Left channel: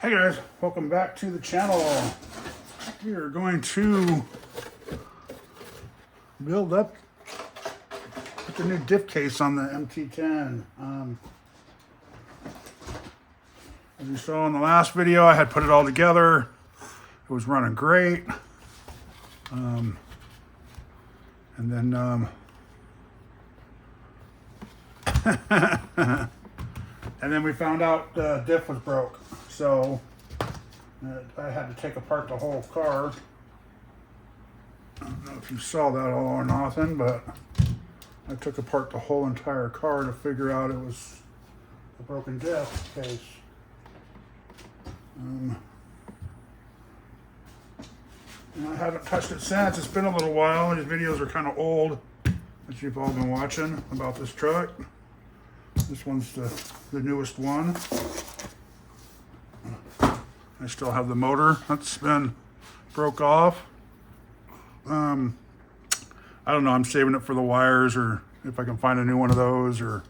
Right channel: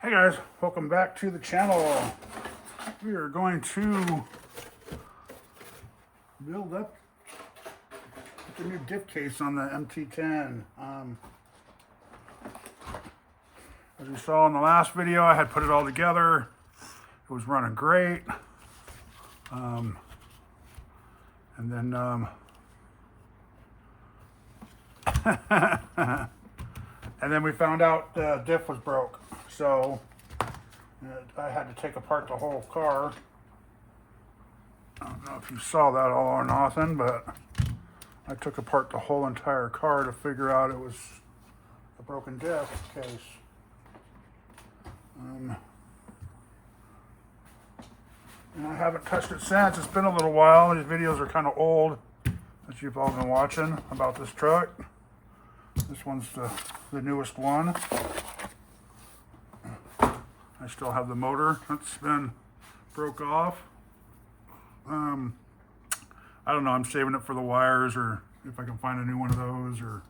Hey guys, welcome back to the channel. We are going to build up the new diff case on the MT10. As you saw in the last video, I had put it all together. It was running great. And then we found out the diff was broke. So I had to take apart the whole car. I don't know if you saw that all or nothing, but I took apart the whole entire car to figure out it was a broken diff case. And I haven't touched it since. It's been a little while. These videos are kind of old that you've all been watching about this truck. This one's the newest one. I still have the motor that's been broke off. I don't know, I'm saving it for the wires, or if I can find a new one of those, or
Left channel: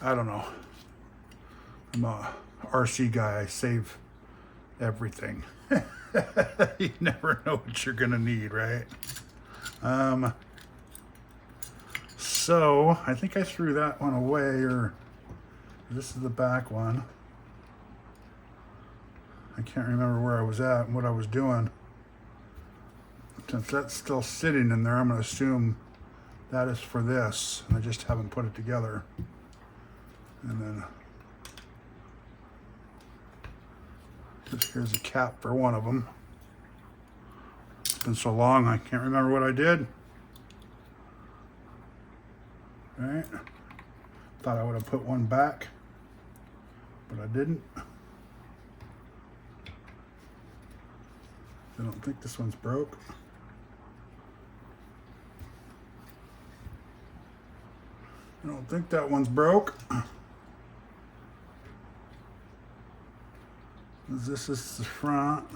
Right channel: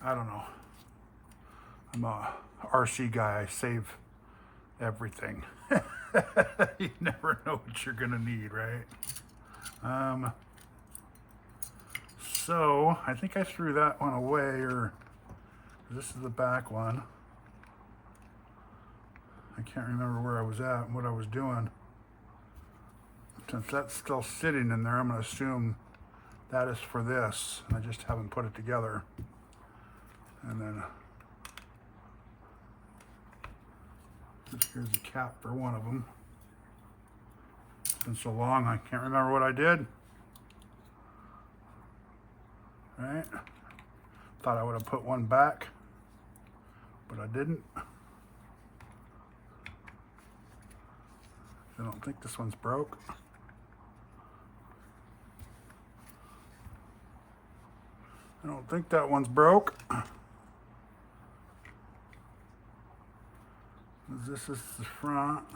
I don't know. I'm a RC guy, I save everything. You never know what you're gonna need, right? So I think I threw that one away, or this is the back one. I can't remember where I was at and what I was doing. Since that's still sitting in there, I'm going to assume that is for this, and I just haven't put it together. And then here's a cap for one of them. It's been so long, I can't remember what I did. All right, thought I would have put one back, but I didn't. I don't think this one's broke. I don't think that one's broke. This is the front.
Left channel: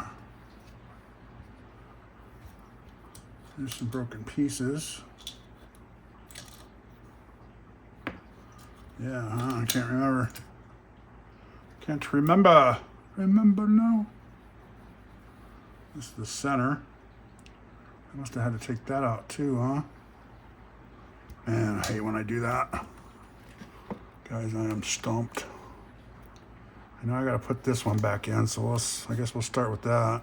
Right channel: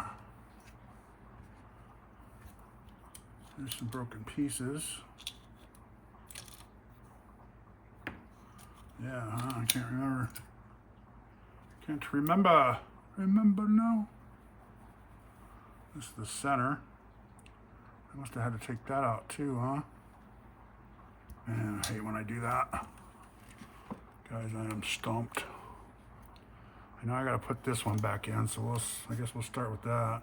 There's some broken pieces. Yeah, I can't remember. Can't remember. Remember now. This is the center. I must have had to take that out too, huh? Man, I hate when I do that. Guys, I am stumped. I know I gotta put this one back in, so I guess we'll start with that.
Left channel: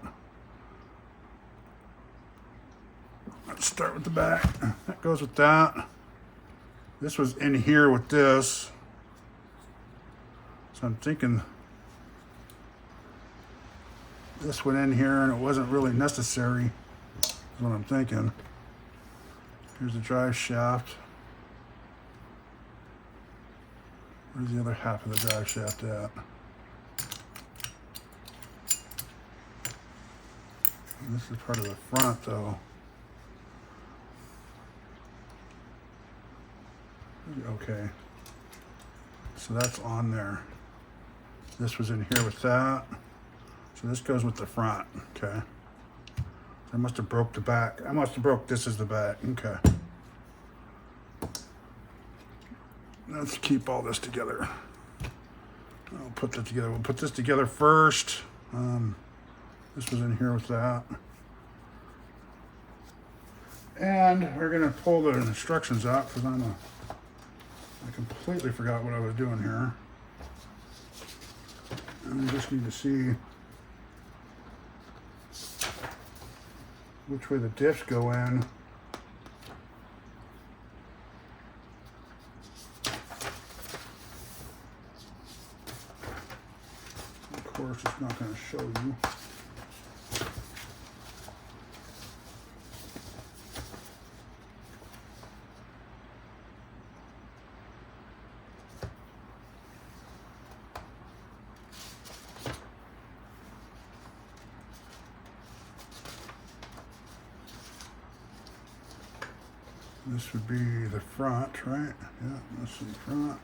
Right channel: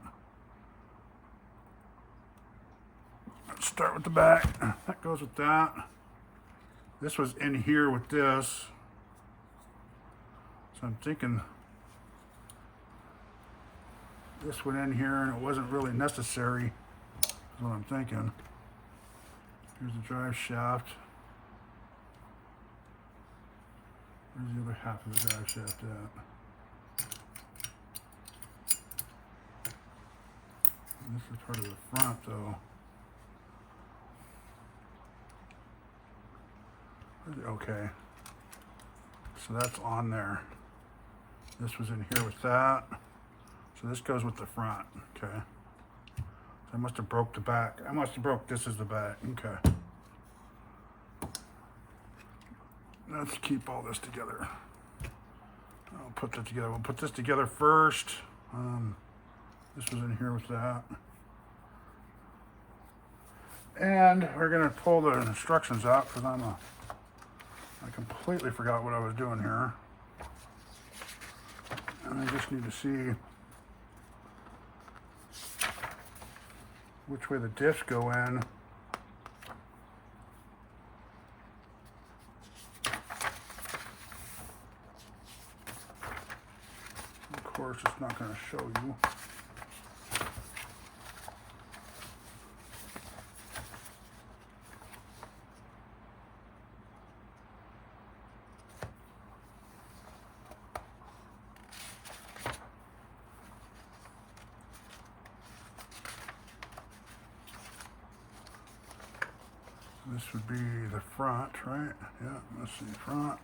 Let's start with the back. That goes with that. This was in here with this. So I'm thinking this went in here and it wasn't really necessary, is what I'm thinking. Here's the drive shaft. Where's the other half of the drive shaft at? This is part of the front though. Okay. So that's on there. This was in here with that. So this goes with the front, okay. I must have broke the back. I must have broke this as the back, okay. Let's keep all this together. I'll put that together. We'll put this together first. This was in here with that. And we're gonna pull the instructions out because I completely forgot what I was doing here. And I just need to see which way the diffs go in. Of course, it's not going to show you. This would be the front, right? Yeah, this is the front.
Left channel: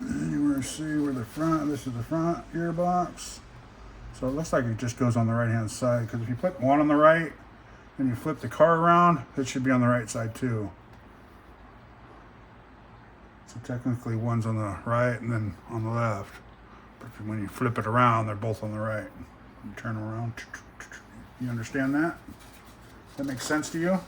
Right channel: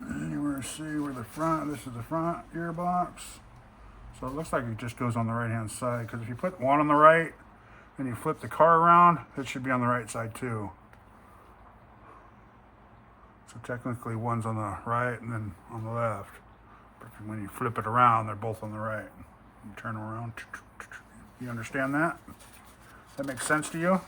And you want to see where the front, this is the front gearbox. So it looks like it just goes on the right hand side, because if you put one on the right and you flip the car around, it should be on the right side too. So technically one's on the right and then on the left. But when you flip it around, they're both on the right. You turn around. You understand that? That makes sense to you?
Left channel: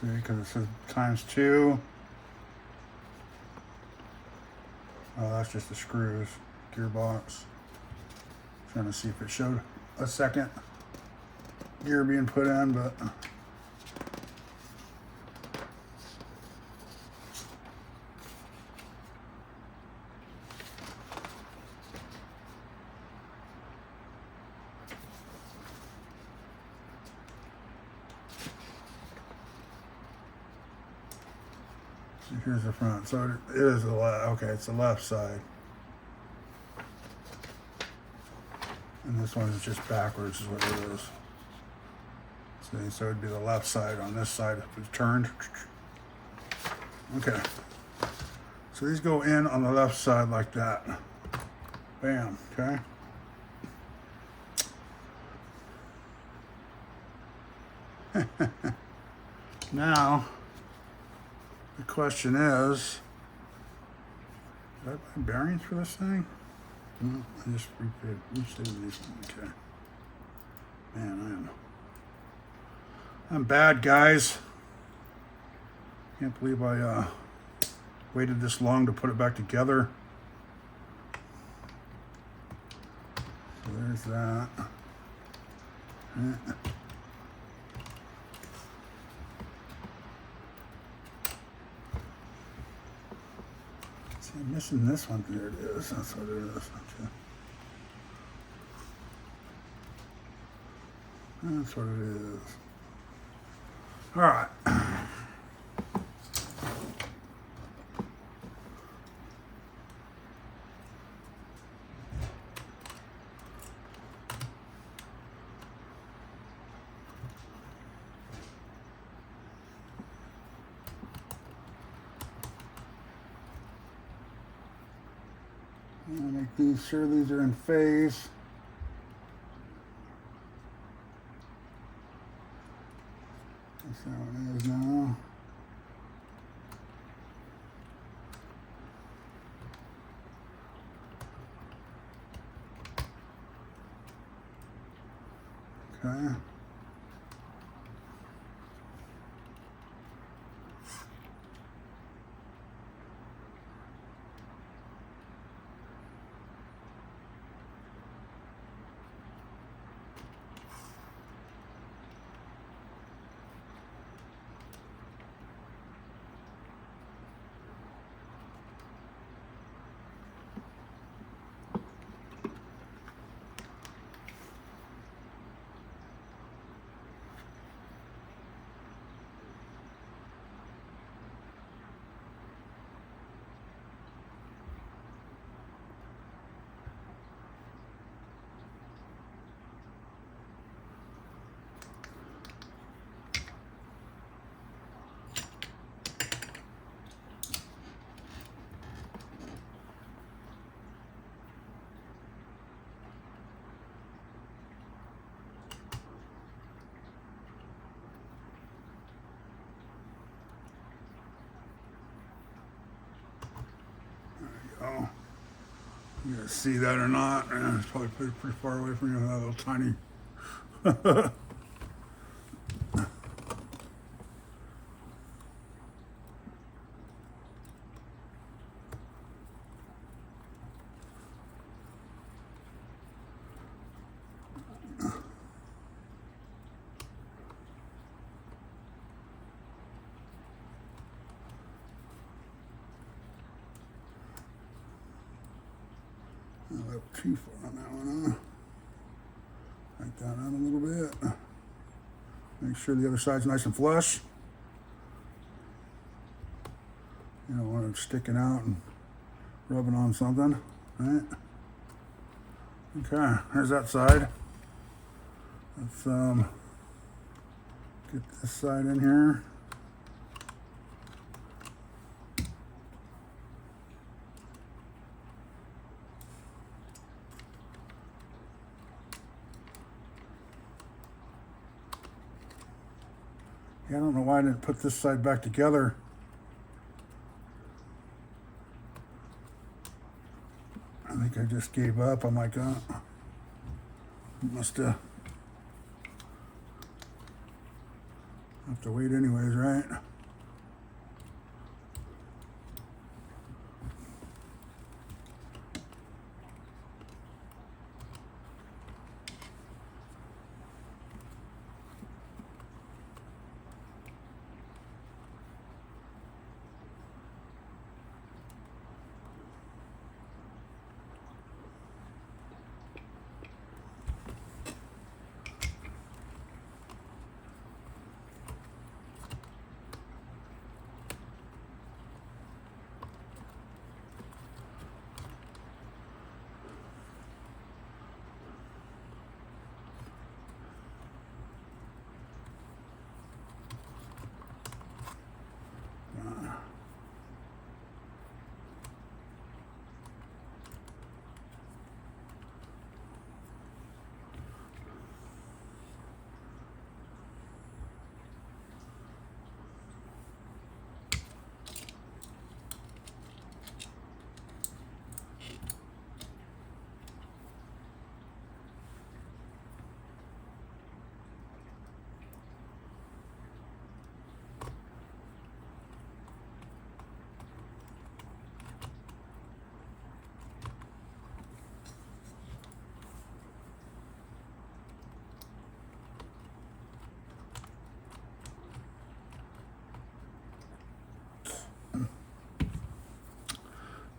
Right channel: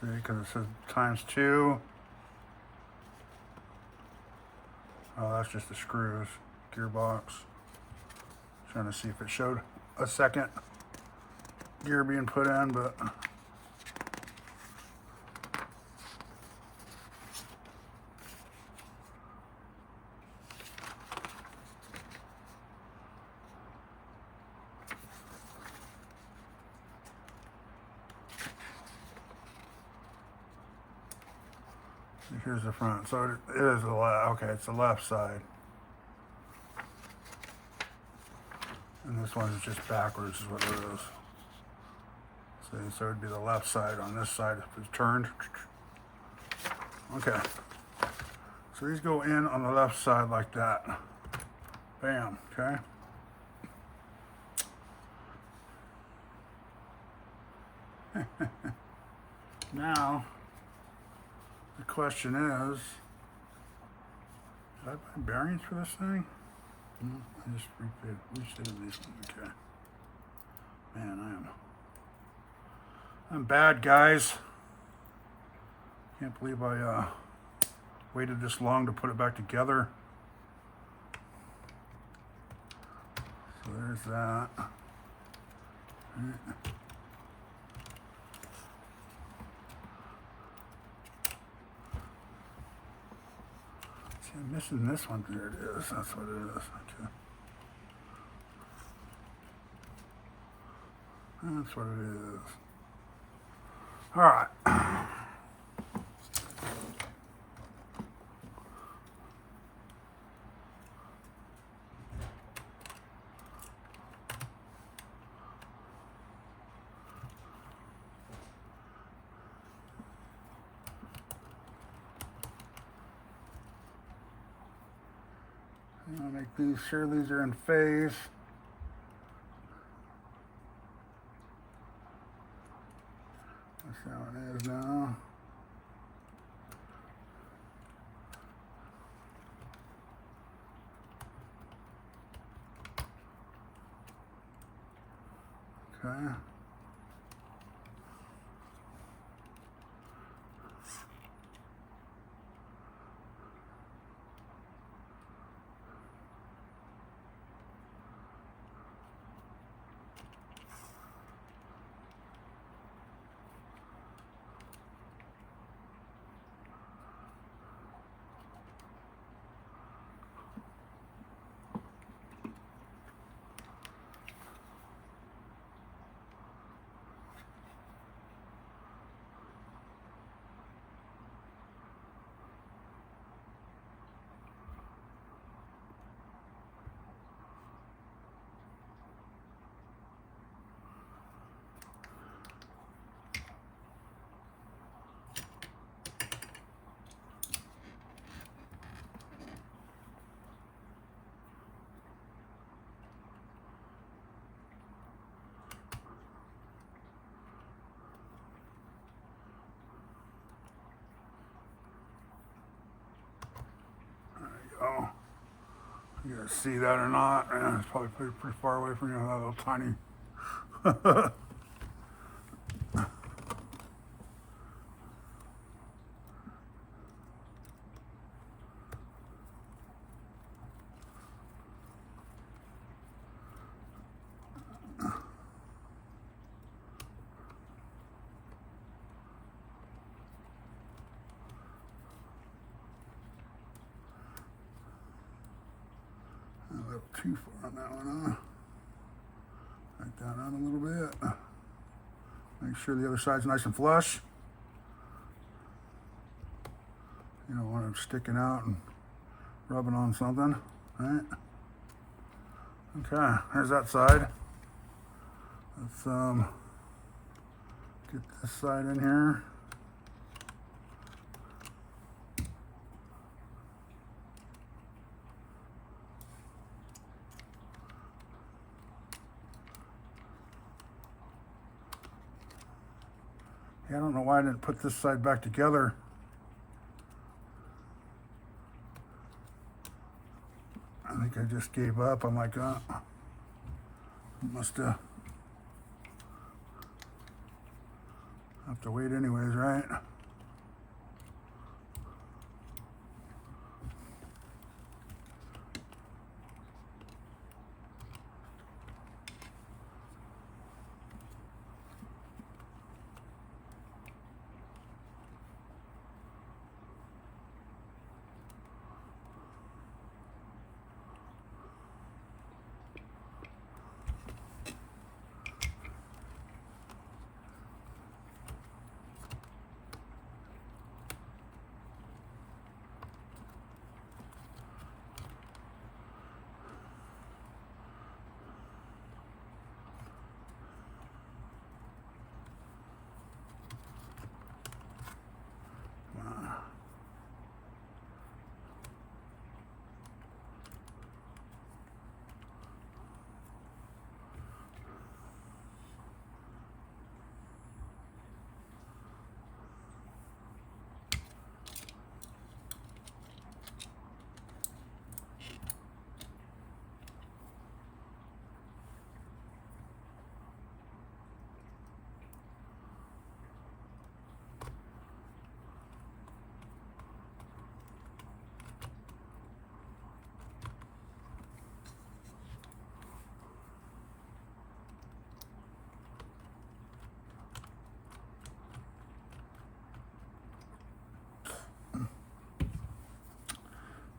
See, because it says ×2. Oh, that's just the screws, gearbox. Trying to see if it showed a second gear being put in, but here's the front. So it is the left. Okay, it's the left side. And this one is just backwards is what it is. See, so it'd be the left side on this side if it's turned. Okay. So these go in on the left side like that. Bam, okay. Now, the question is, did I buy bearings for this thing? No, I just restated these. Okay. Man, I'm bad, guys. Can't believe I waited this long to put it back together. So there's that. See, I'm missing this one. There it is. That's what it is. Okay. That's what it is. All right. I'll make sure these are in phase. That's how it is now. Okay. Oh, you guys see that or not? It's probably pretty far away from you, that little tiny. A little too far on that one, huh? Take that out a little bit. Make sure the other side's nice and flush. You don't want it sticking out and rubbing on something, right? Okay, there's that side. Let's get this side in here. Yeah, I don't know why I didn't put this side back together. I think I just gave up. I'm like, must have to wait anyways, right?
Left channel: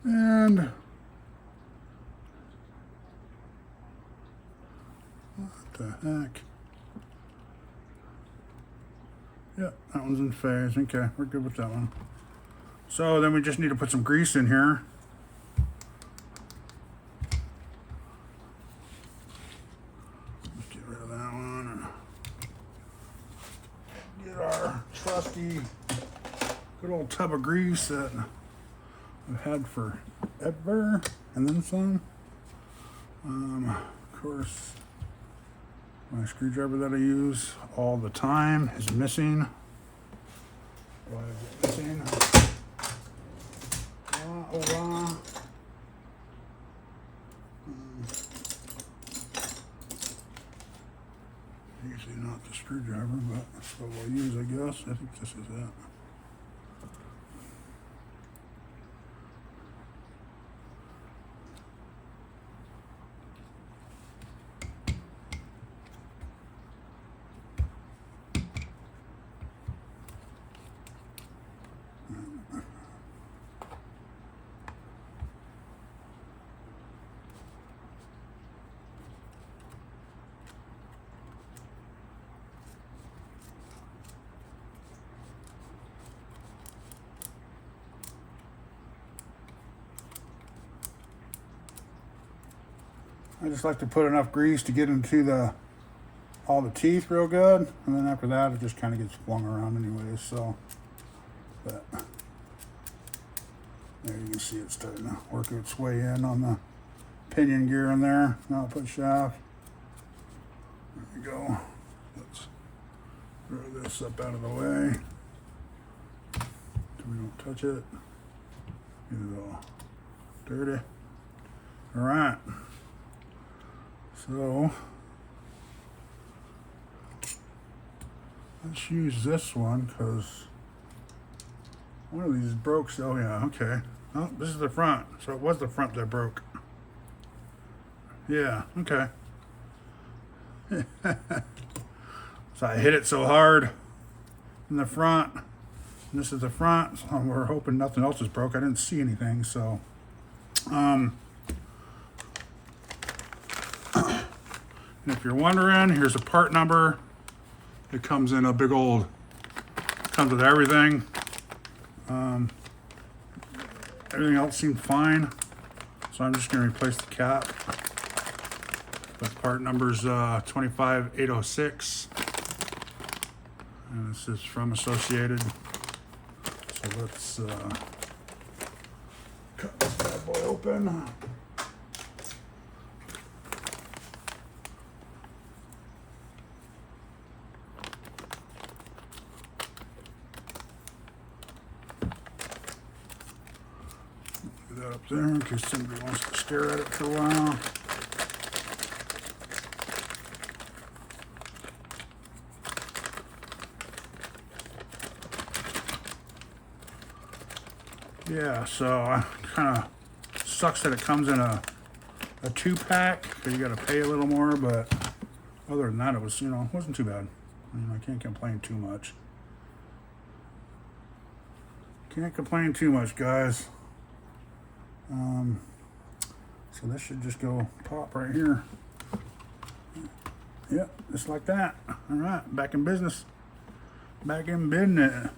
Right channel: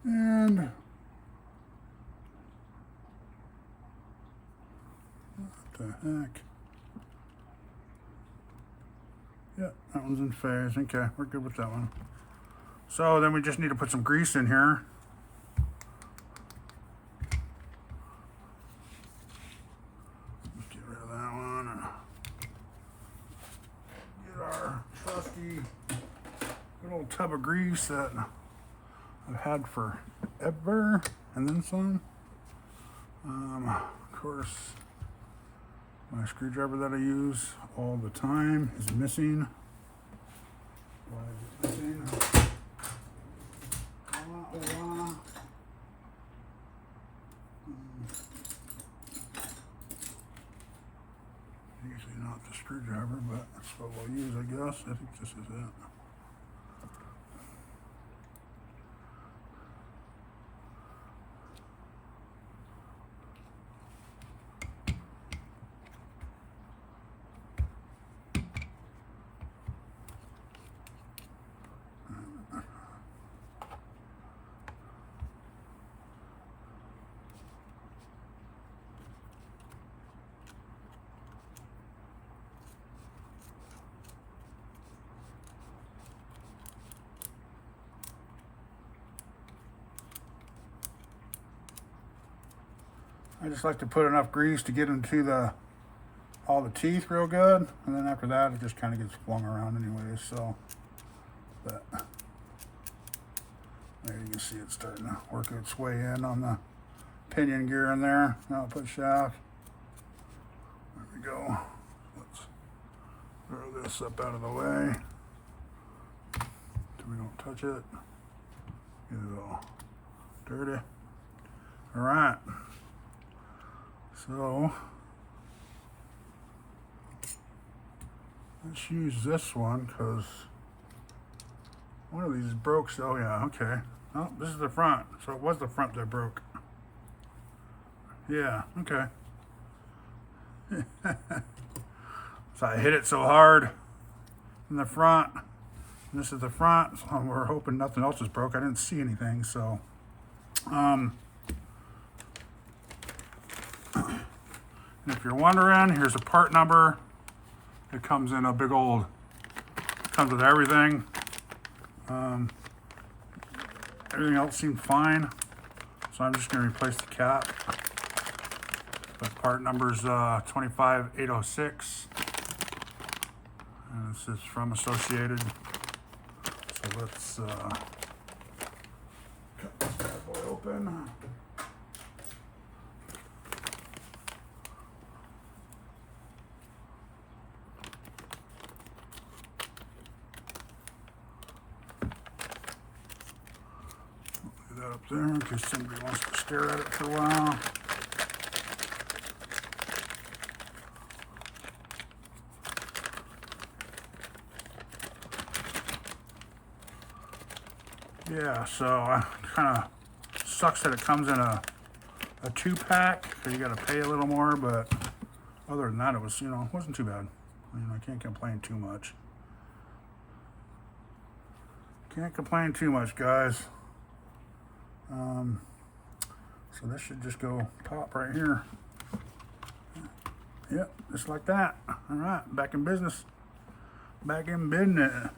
And what the heck? Yep, that one's in phase. Okay, we're good with that one. So then we just need to put some grease in here. Let's get rid of that one. And get our trusty good old tub of grease that I've had forever, and then some. Of course, my screwdriver that I use all the time is missing. Why is it missing? Usually not the screwdriver, but that's what we'll use, I guess. I think this is it. I just like to put enough grease to get into all the teeth real good, and then after that it just kind of gets flung around anyway. So, but there you can see it starting to work its way in on the pinion gear in there. Now I'll put shaft. There we go. Let's throw this up out of the way so we don't touch it. Get it all dirty. All right. So let's use this one because one of these broke. Oh yeah, okay. Oh, this is the front. So it was the front that broke. Yeah, okay. So I hit it so hard in the front. And this is the front. So we're hoping nothing else is broke. I didn't see anything, so and if you're wondering, here's a part number. It comes in a big old, comes with everything. Everything else seemed fine. So I'm just gonna replace the cap. But part number's 25806. And this is from Associated. So let's cut this bad boy open. that up there in case somebody wants to stare at it for a while. Yeah, so kind of sucks that it comes in a 2-pack, so you got to pay a little more, but other than that, it was, it wasn't too bad. I can't complain too much. Can't complain too much, guys. So this should just go pop right here. Yep, just like that. All right, back in business. Back in business.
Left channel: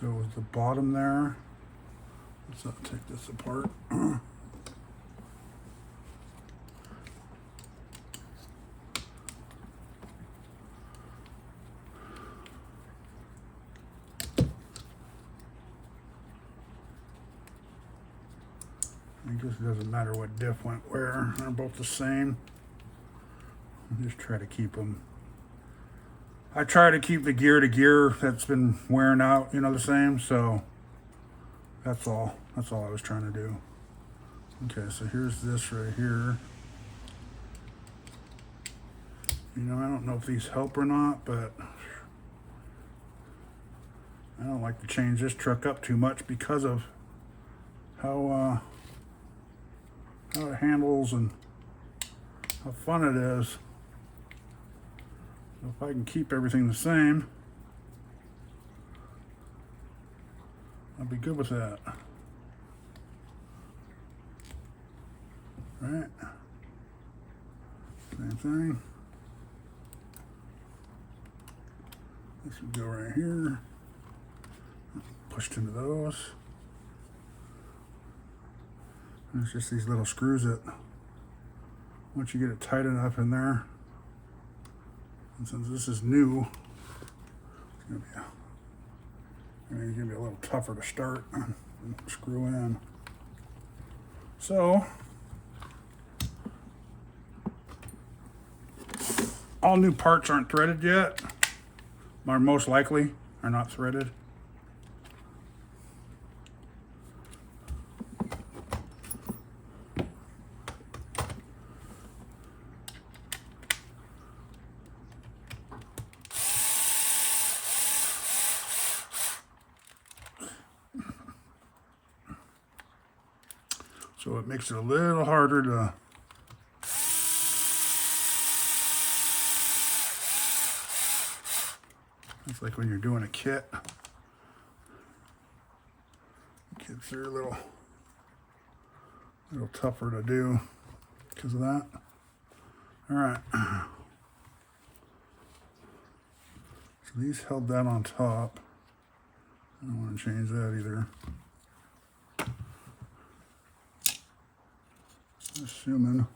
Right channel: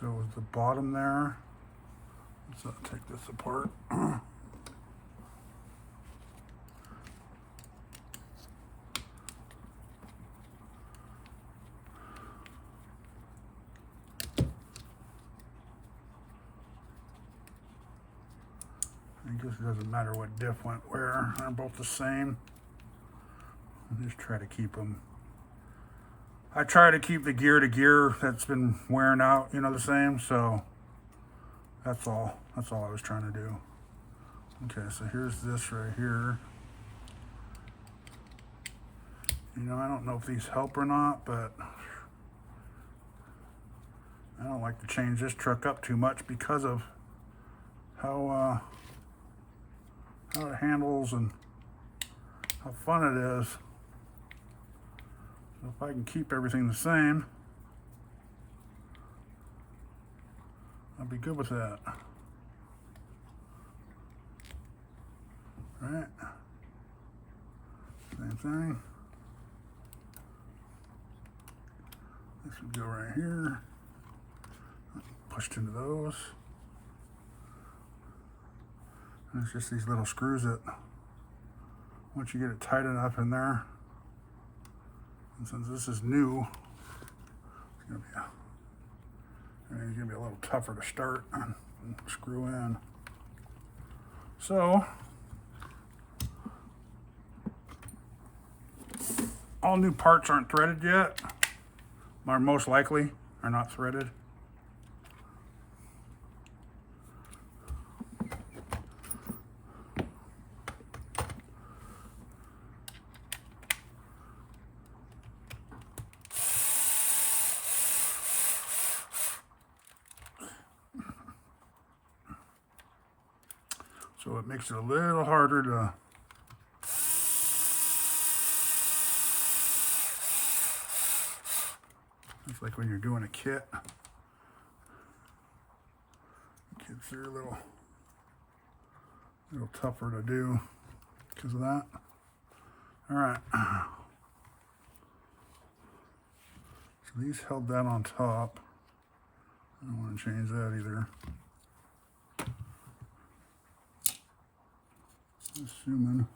So is the bottom there. Let's take this apart. I guess it doesn't matter what diff went where. They're both the same. I'll just try to keep them. I try to keep the gear to gear that's been wearing out, the same. So that's all. That's all I was trying to do. Okay, so here's this right here. I don't know if these help or not, but I don't like to change this truck up too much because of how it handles and how fun it is. So if I can keep everything the same, I'll be good with that. All right. Same thing. This would go right here. Pushed into those. And it's just these little screws that, once you get it tight enough in there, and since this is new, it's gonna be a little tougher to start and screw in. So, all new parts aren't threaded yet, or most likely are not threaded. So it makes it a little harder to it's like when you're doing a kit. Kits are a little tougher to do because of that. All right. So these held that on top. I don't want to change that either. Assuming.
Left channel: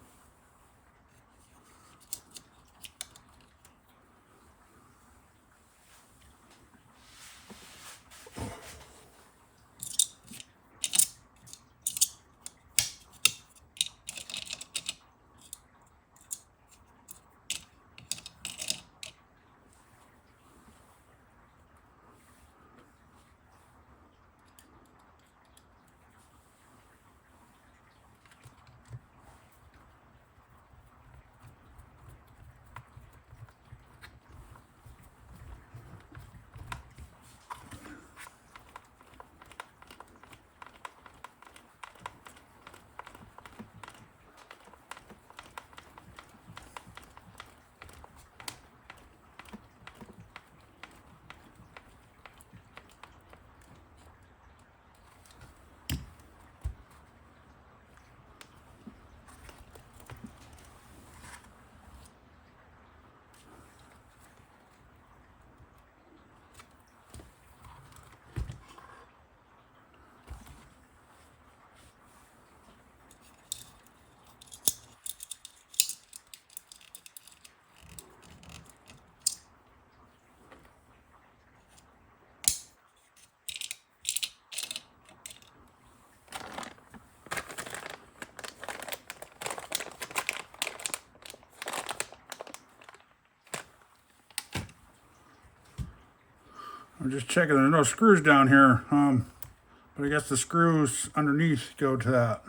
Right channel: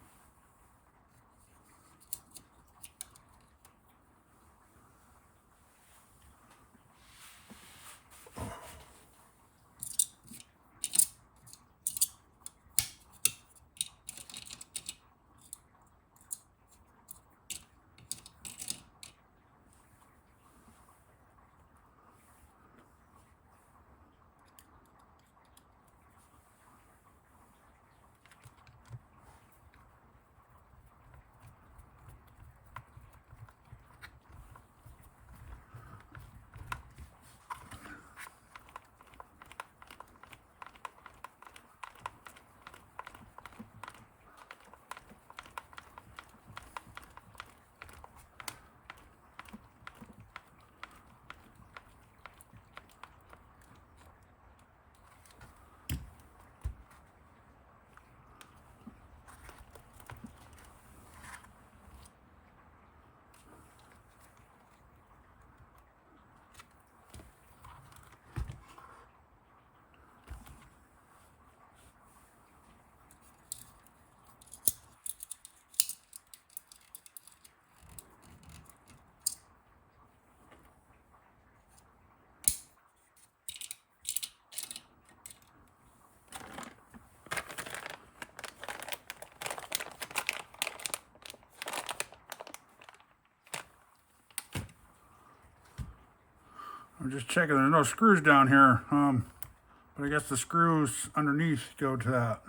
I'm just checking. There's no screws down here, but I guess the screws underneath go to that.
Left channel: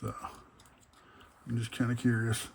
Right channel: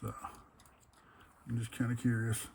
So I'm just kind of curious.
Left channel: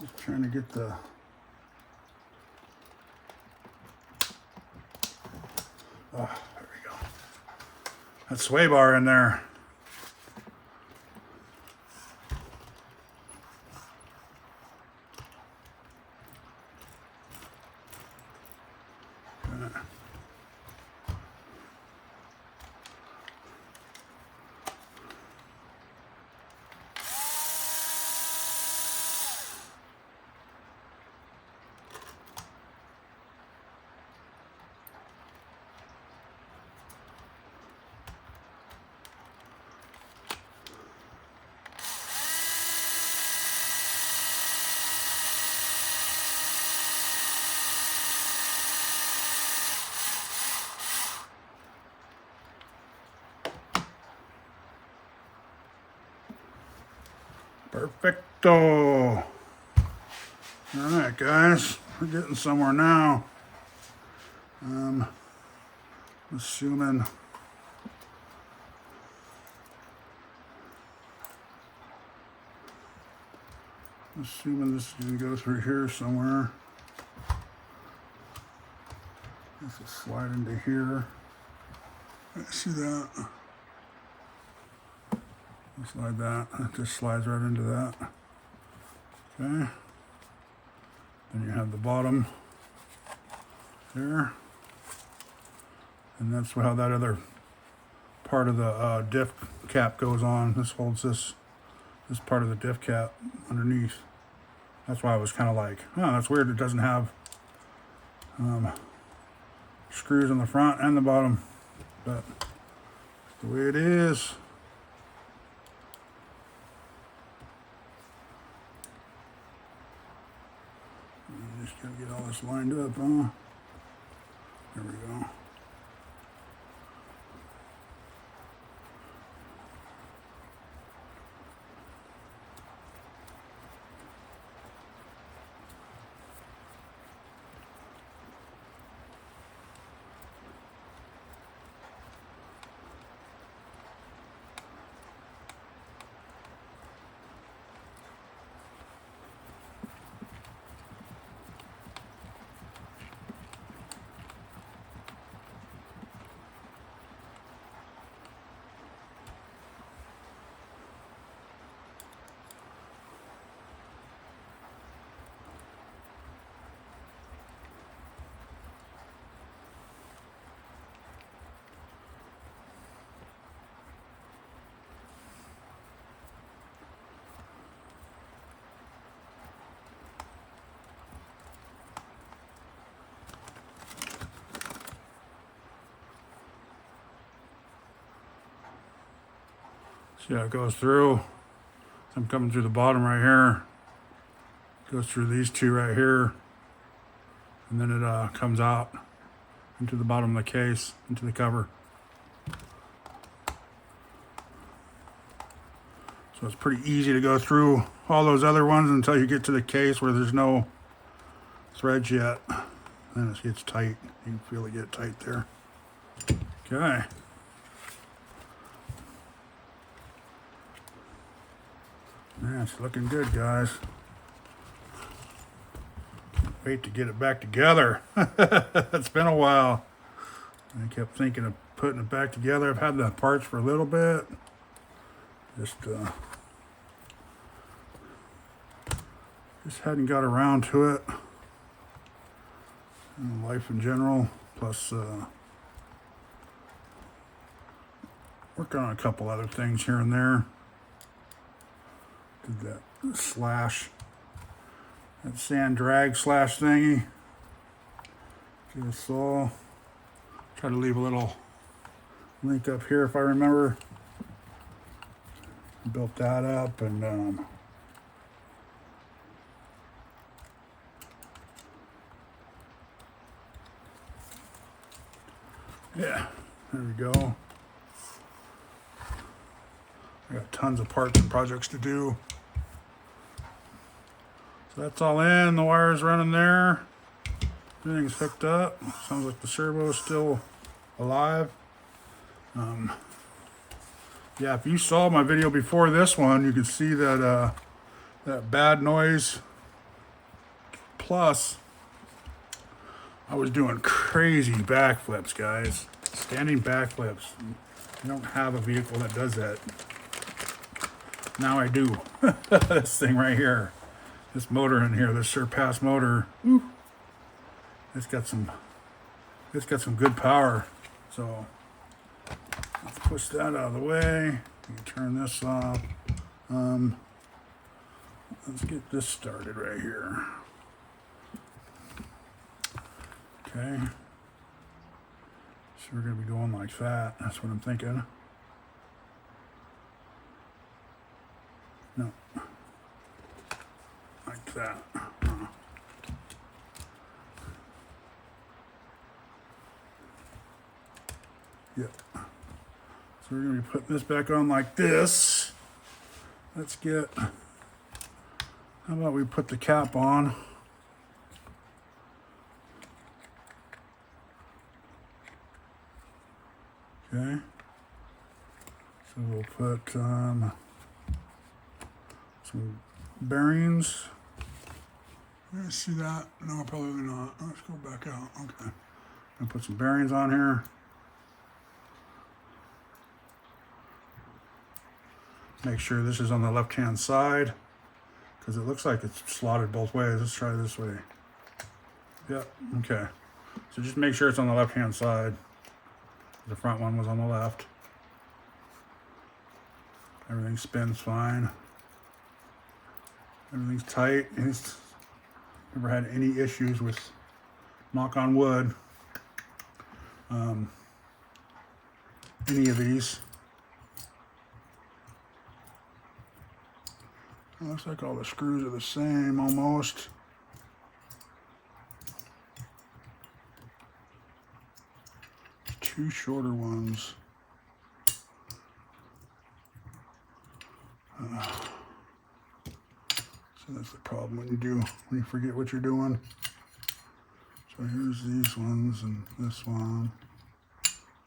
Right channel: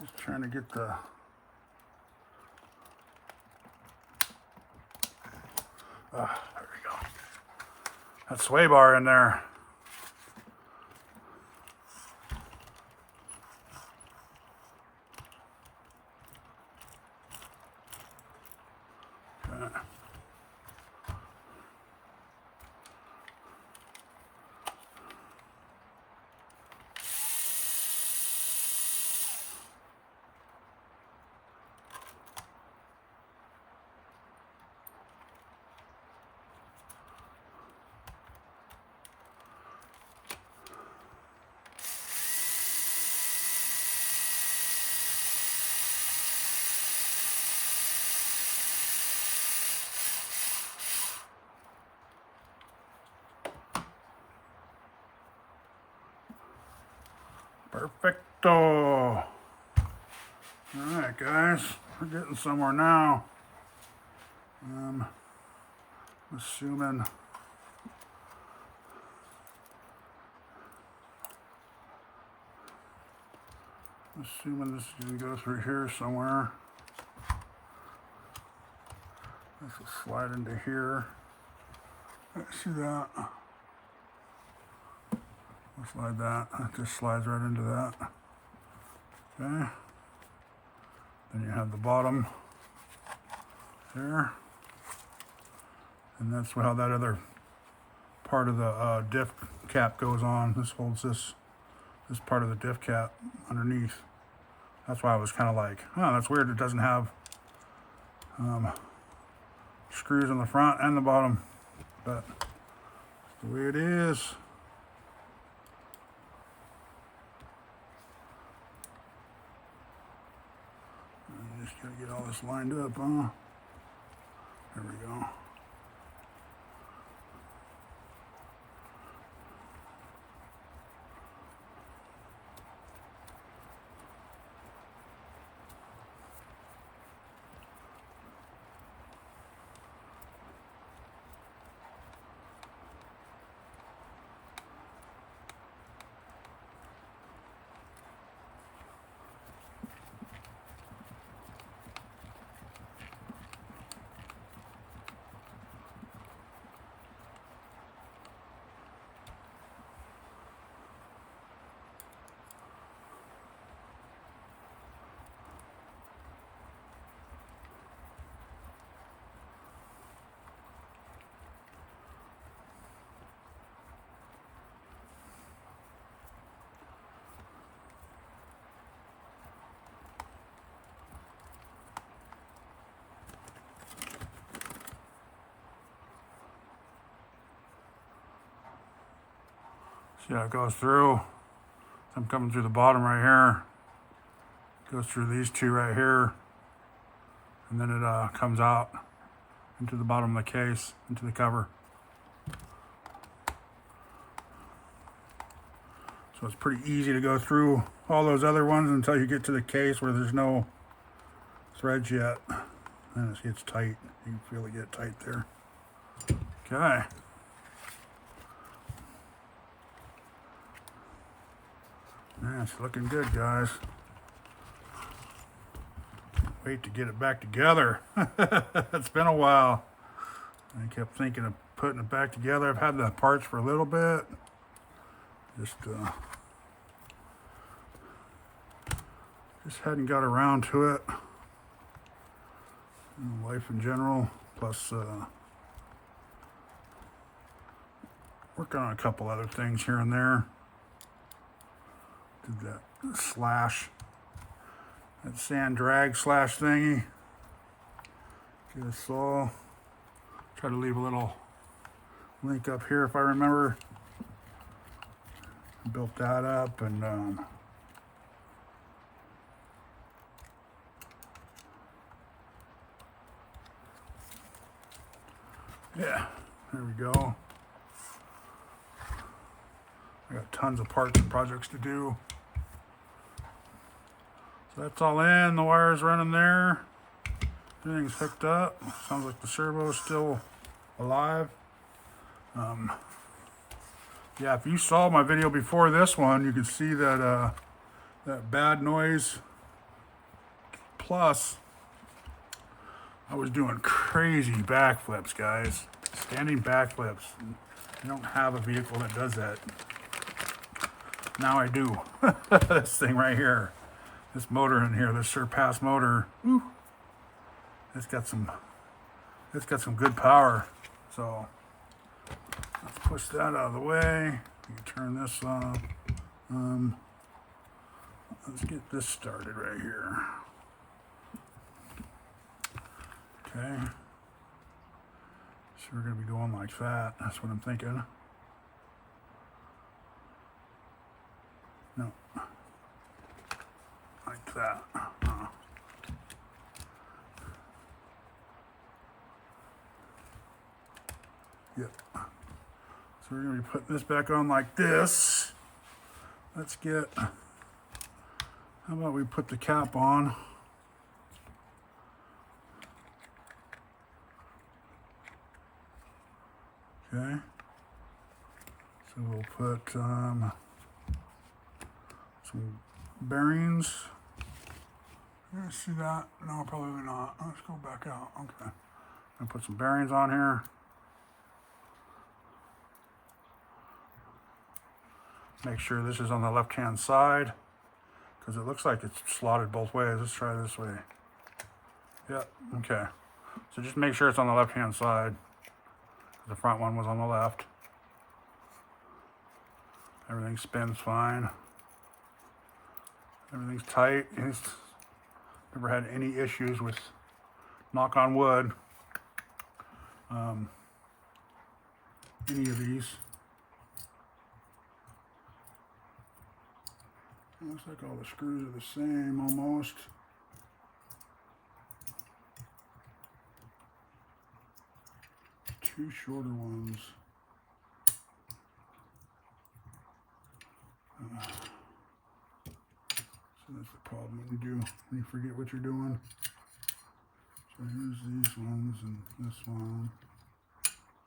Just trying to get the there we go. That sway bar in there. Perfecto. All right, guys, we're getting somewhere now. Assuming this is going to go through here somewhere. This will slide into here. See that? Just like that. It just slides right into that. Okay. Then you have the bottom there. And that's how that other part of the diff cap goes on. This holds this part of the diff cap underneath. That's why I was kind of like, oh, that's weird. It doesn't have screws on the front and the bottom, but that's the way it is. Just gotta get all this lined up, huh? There we go. See how it goes through. I'm coming through the bottom right here. Goes through these two right here. And then it comes out into the bottom of the case, into the cover. So it's pretty easy to go through all those other ones until you get to the case where there's no threads yet. And it gets tight. You can feel it get tight there. Okay. Yeah, it's looking good, guys. Can't wait to get it back together. It's been a while. I kept thinking of putting it back together. I've had the parts for a little bit. Just hadn't got around to it. Life in general, plus working on a couple other things here and there. Did that slash, that sand drag slash thingy. Get a saw. Try to leave a little link up here if I remember. Built that up and yeah, there we go. I got tons of parts and projects to do. So that's all in, the wire's running there. Everything's hooked up. Sounds like the servo is still alive. Yeah, if you saw my video before this one, you can see that that bad noise plus I was doing crazy backflips, guys. Standing backflips. I don't have a vehicle that does that. Now I do. This thing right here. This motor in here, this Surpass motor. Whew, it's got some good power. So let's push that out of the way. You can turn this off. Let's get this started right here. Okay. So we're going to be going like that. That's what I'm thinking. No. Like that. Yep. So we're going to be putting this back on like this. Let's get, how about we put the cap on? Okay. So we'll put some bearings. You guys see that? No, probably not. Let's go back out. Okay. I'll put some bearings on here. Make sure this is on the left-hand side because it looks like it's slotted both ways. Let's try this way. Yep. Okay. So just make sure it's on the left-hand side. The front one was on the left. Everything spins fine. Everything's tight. It's never had any issues with, knock on wood, any of these. It looks like all the screws are the same almost. Two shorter ones. So that's the problem when you forget what you're doing. So here's these ones and this one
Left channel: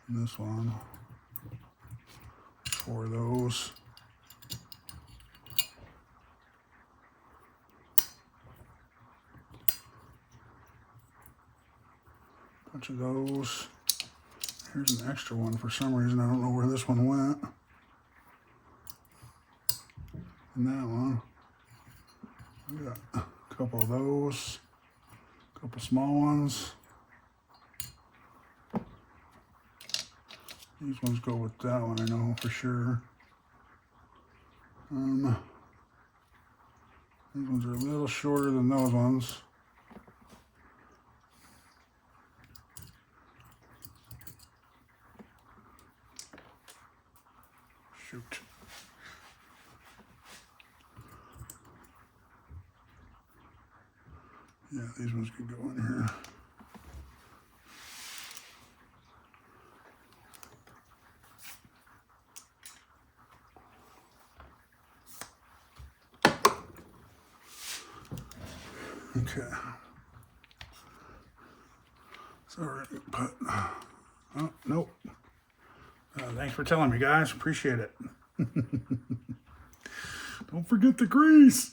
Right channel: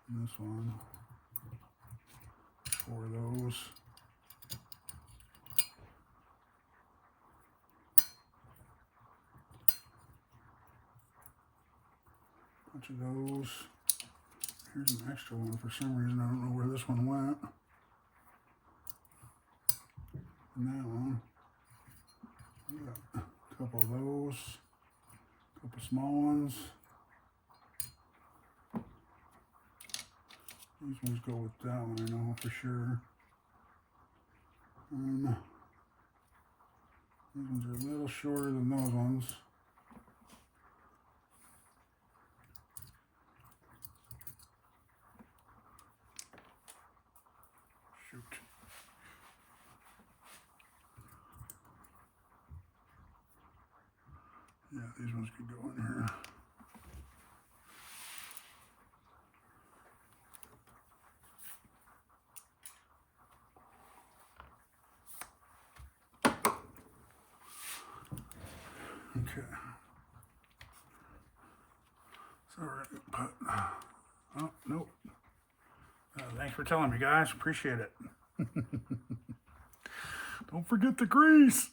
and this one. 4 of those. Bunch of those. Here's an extra one for some reason. I don't know where this one went. And that one. I got a couple of those. A couple small ones. These ones go with that one, I know for sure. These ones are a little shorter than those ones. Shoot. Yeah, these ones could go in here. Okay. Sorry, but oh nope. Thanks for telling me, guys. Appreciate it. Don't forget the grease.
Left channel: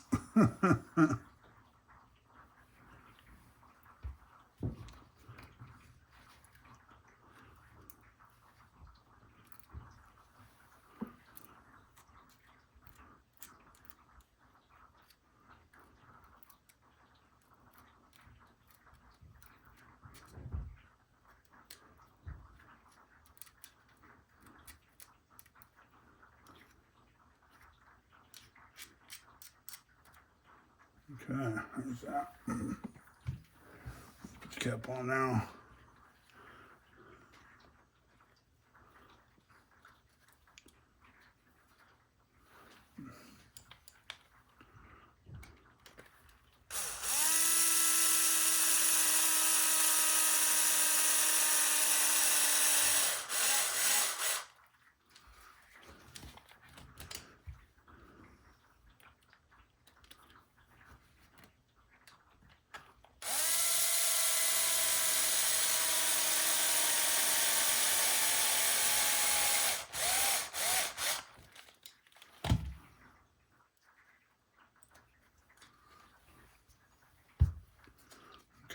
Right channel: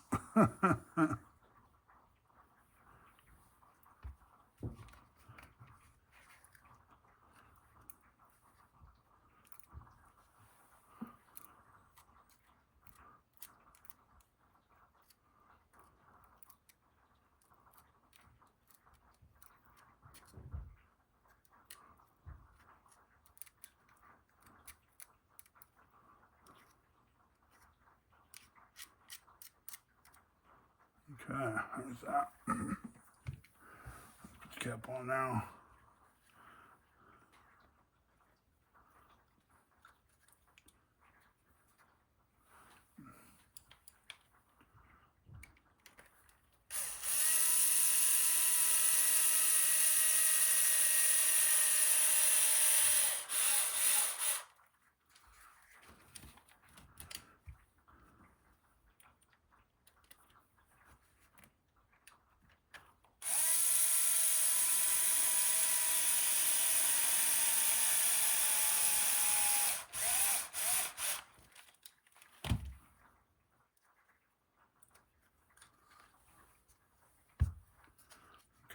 Okay, there's that. Put the cap on now.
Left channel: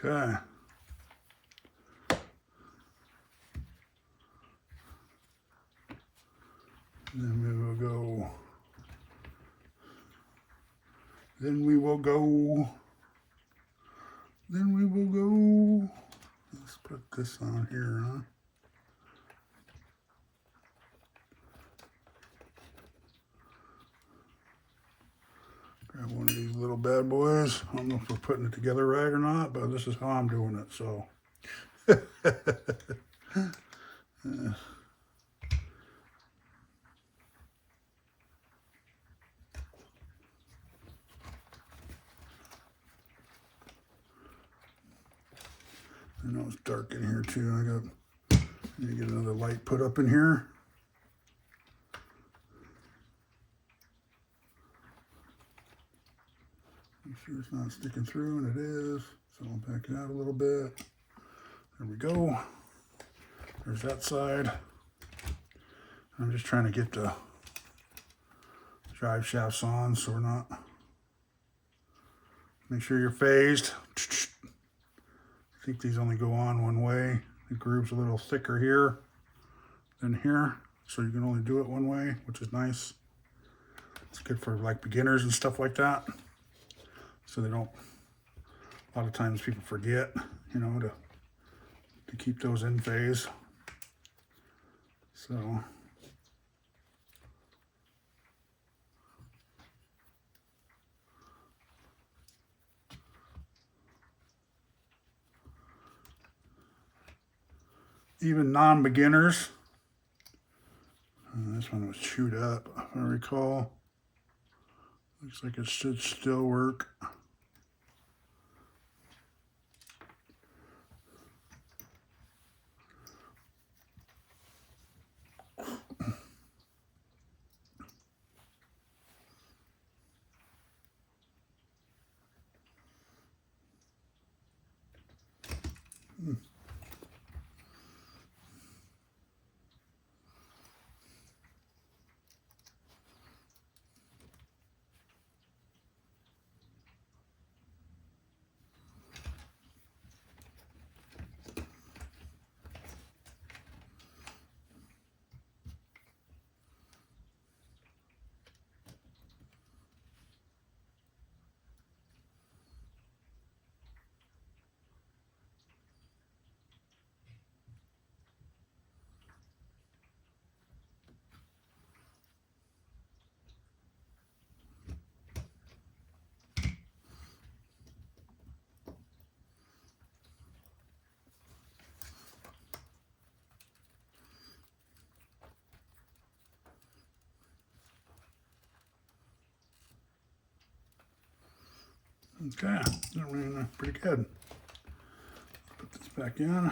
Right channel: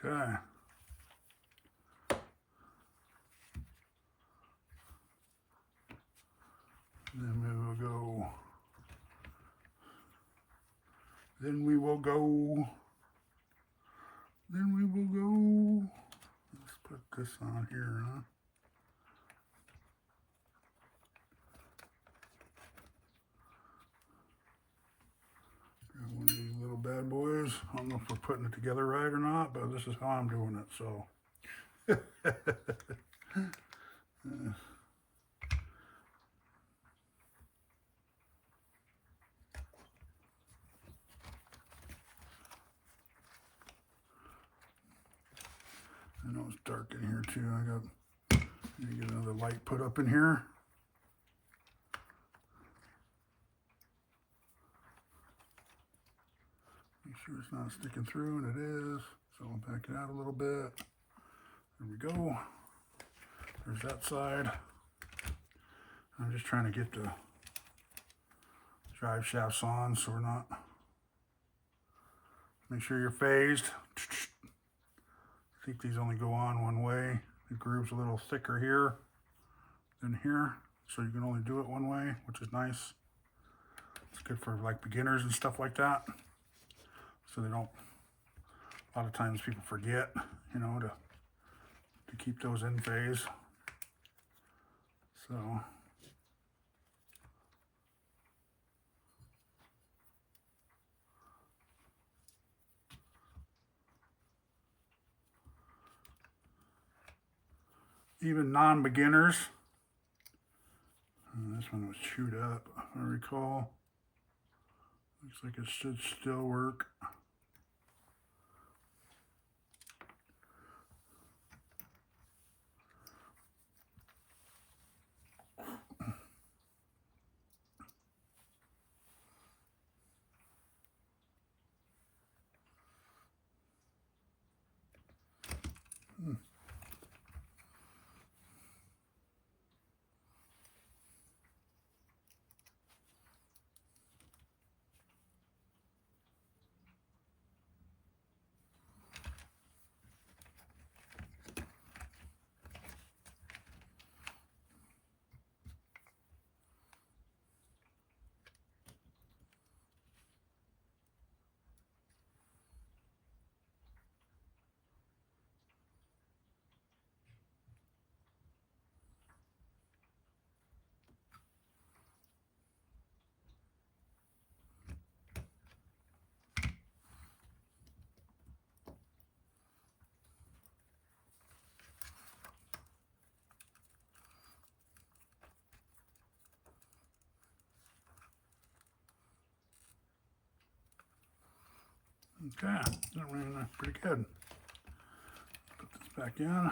Okay. Then we will go. Then we will go. Then we will go. Let's put this on here, huh? Grab one of these little bad boys. I don't know if we're putting it together right or not, but this is how I'm doing it, so. I know it's dark in here too. I need to get another light put up in here. Make sure it's not sticking through, and it is. So I'll back it out a little bit. There we go. There's that side. I'm just trying to get the drive shafts on so we're not. Make sure you're phased. I think these only go on one way. The groove's a little thicker here than here, so you can only do it one way, which is nice. It's good for like beginners and stuff like that. So they don't, a lot of times people forget, you know, to keep those in phase. So. Even non-beginners. This one was chewed up, if I recall. Looks like it should still work. Okay, that ran pretty good. Put this back in.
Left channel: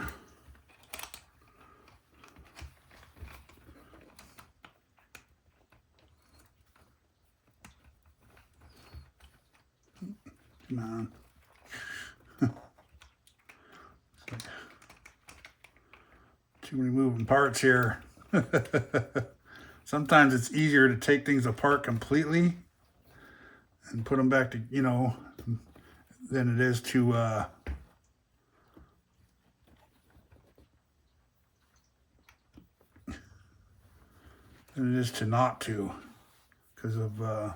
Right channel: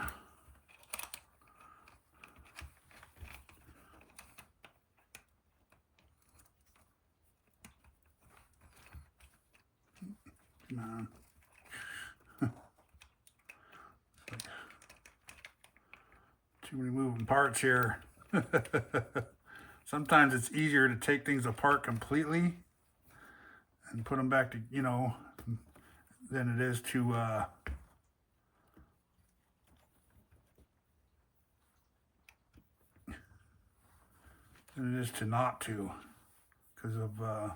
Come on. Too many moving parts here. Sometimes it's easier to take things apart completely and put them back to, you know, than it is to not to, because of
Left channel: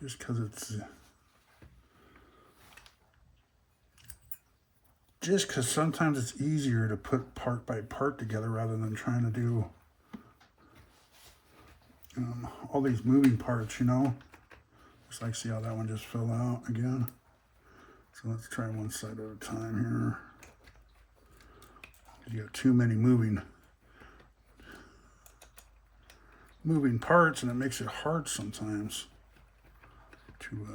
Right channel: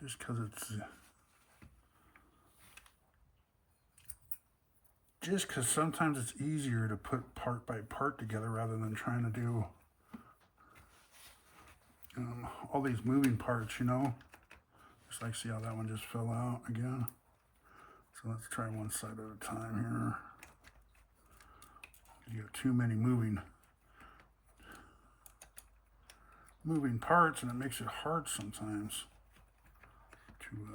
just because it's just because sometimes it's easier to put part by part together rather than trying to do all these moving parts, you know. Just like, see how that one just fell out again. So let's try one side at a time here. You got too many moving parts, and it makes it hard sometimes to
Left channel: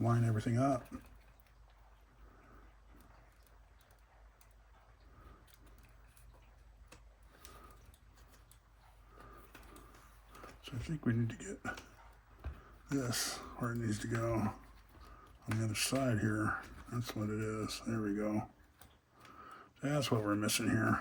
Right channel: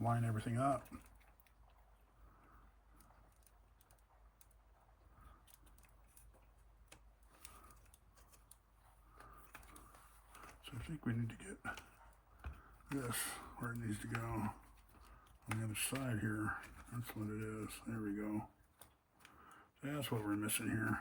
line everything up. So I think we need to get this where it needs to go on the other side here. That's what it is. There we go. That's what we're missing here.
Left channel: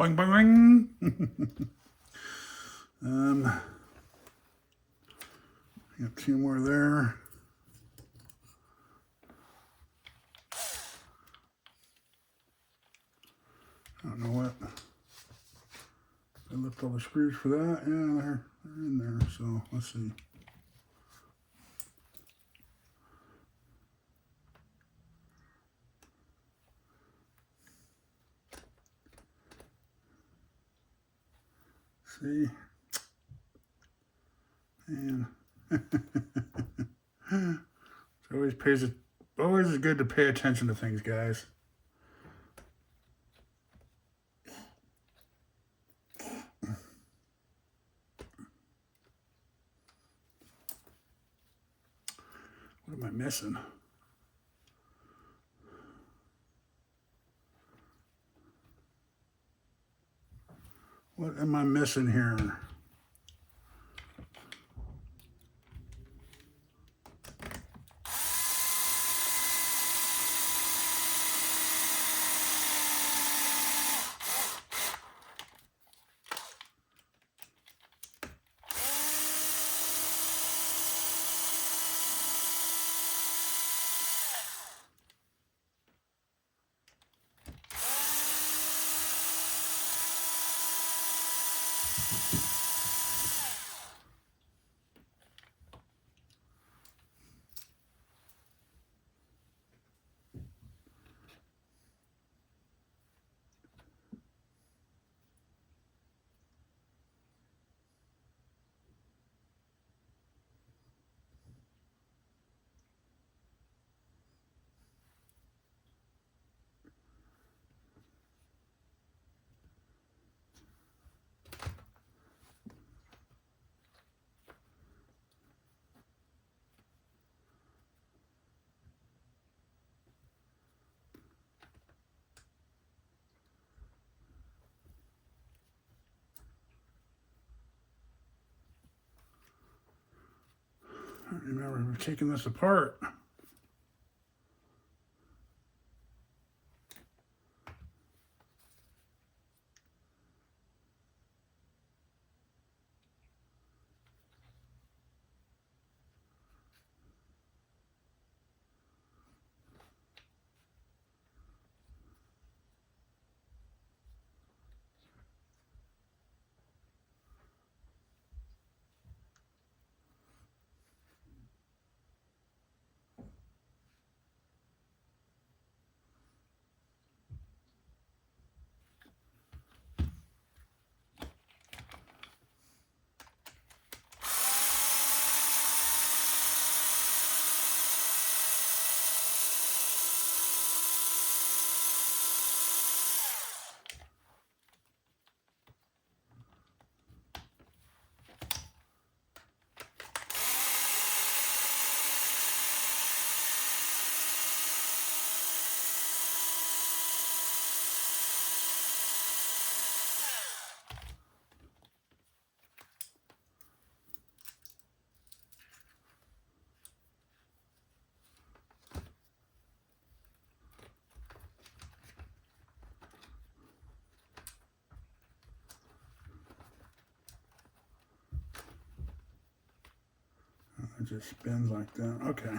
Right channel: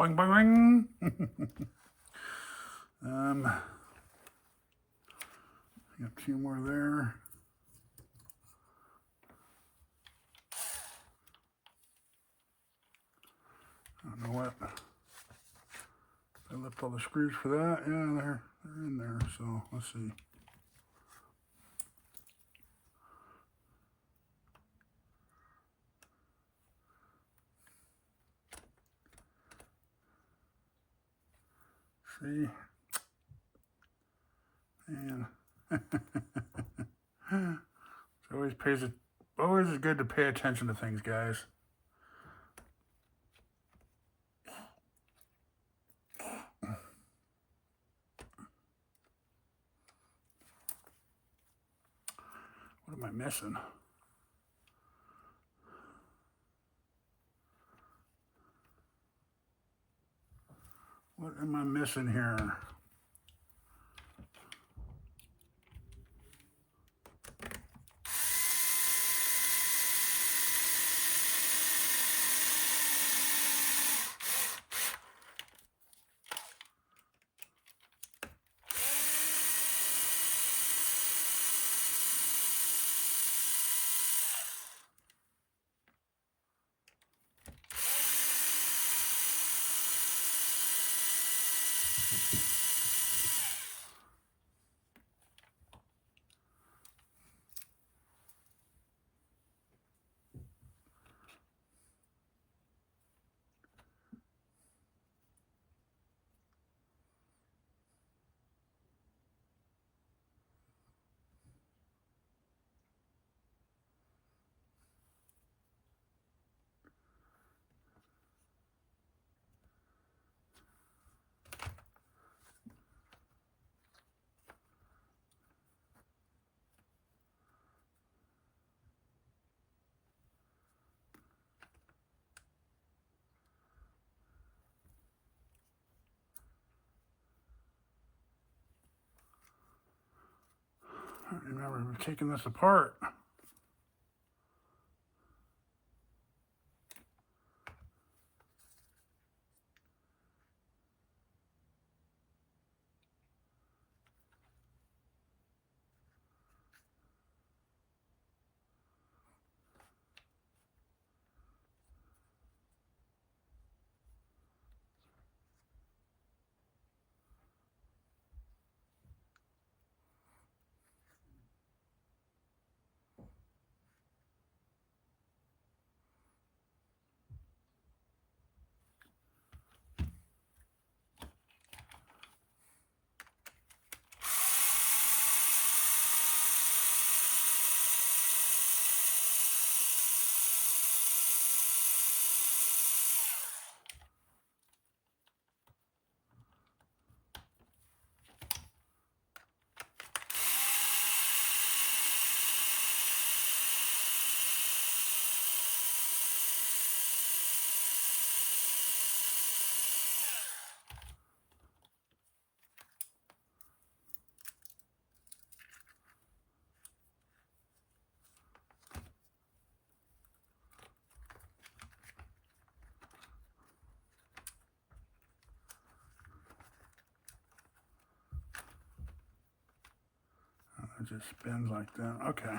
Boing, boing, boing. Got 2 more there. I don't know what. I lift all the screws for that. Yeah, they're in there. So let's see. See? And it always is good to pay attention to things, guys. What am I missing? What am I missing here? I don't remember taking this apart. It just spins like that. Okay.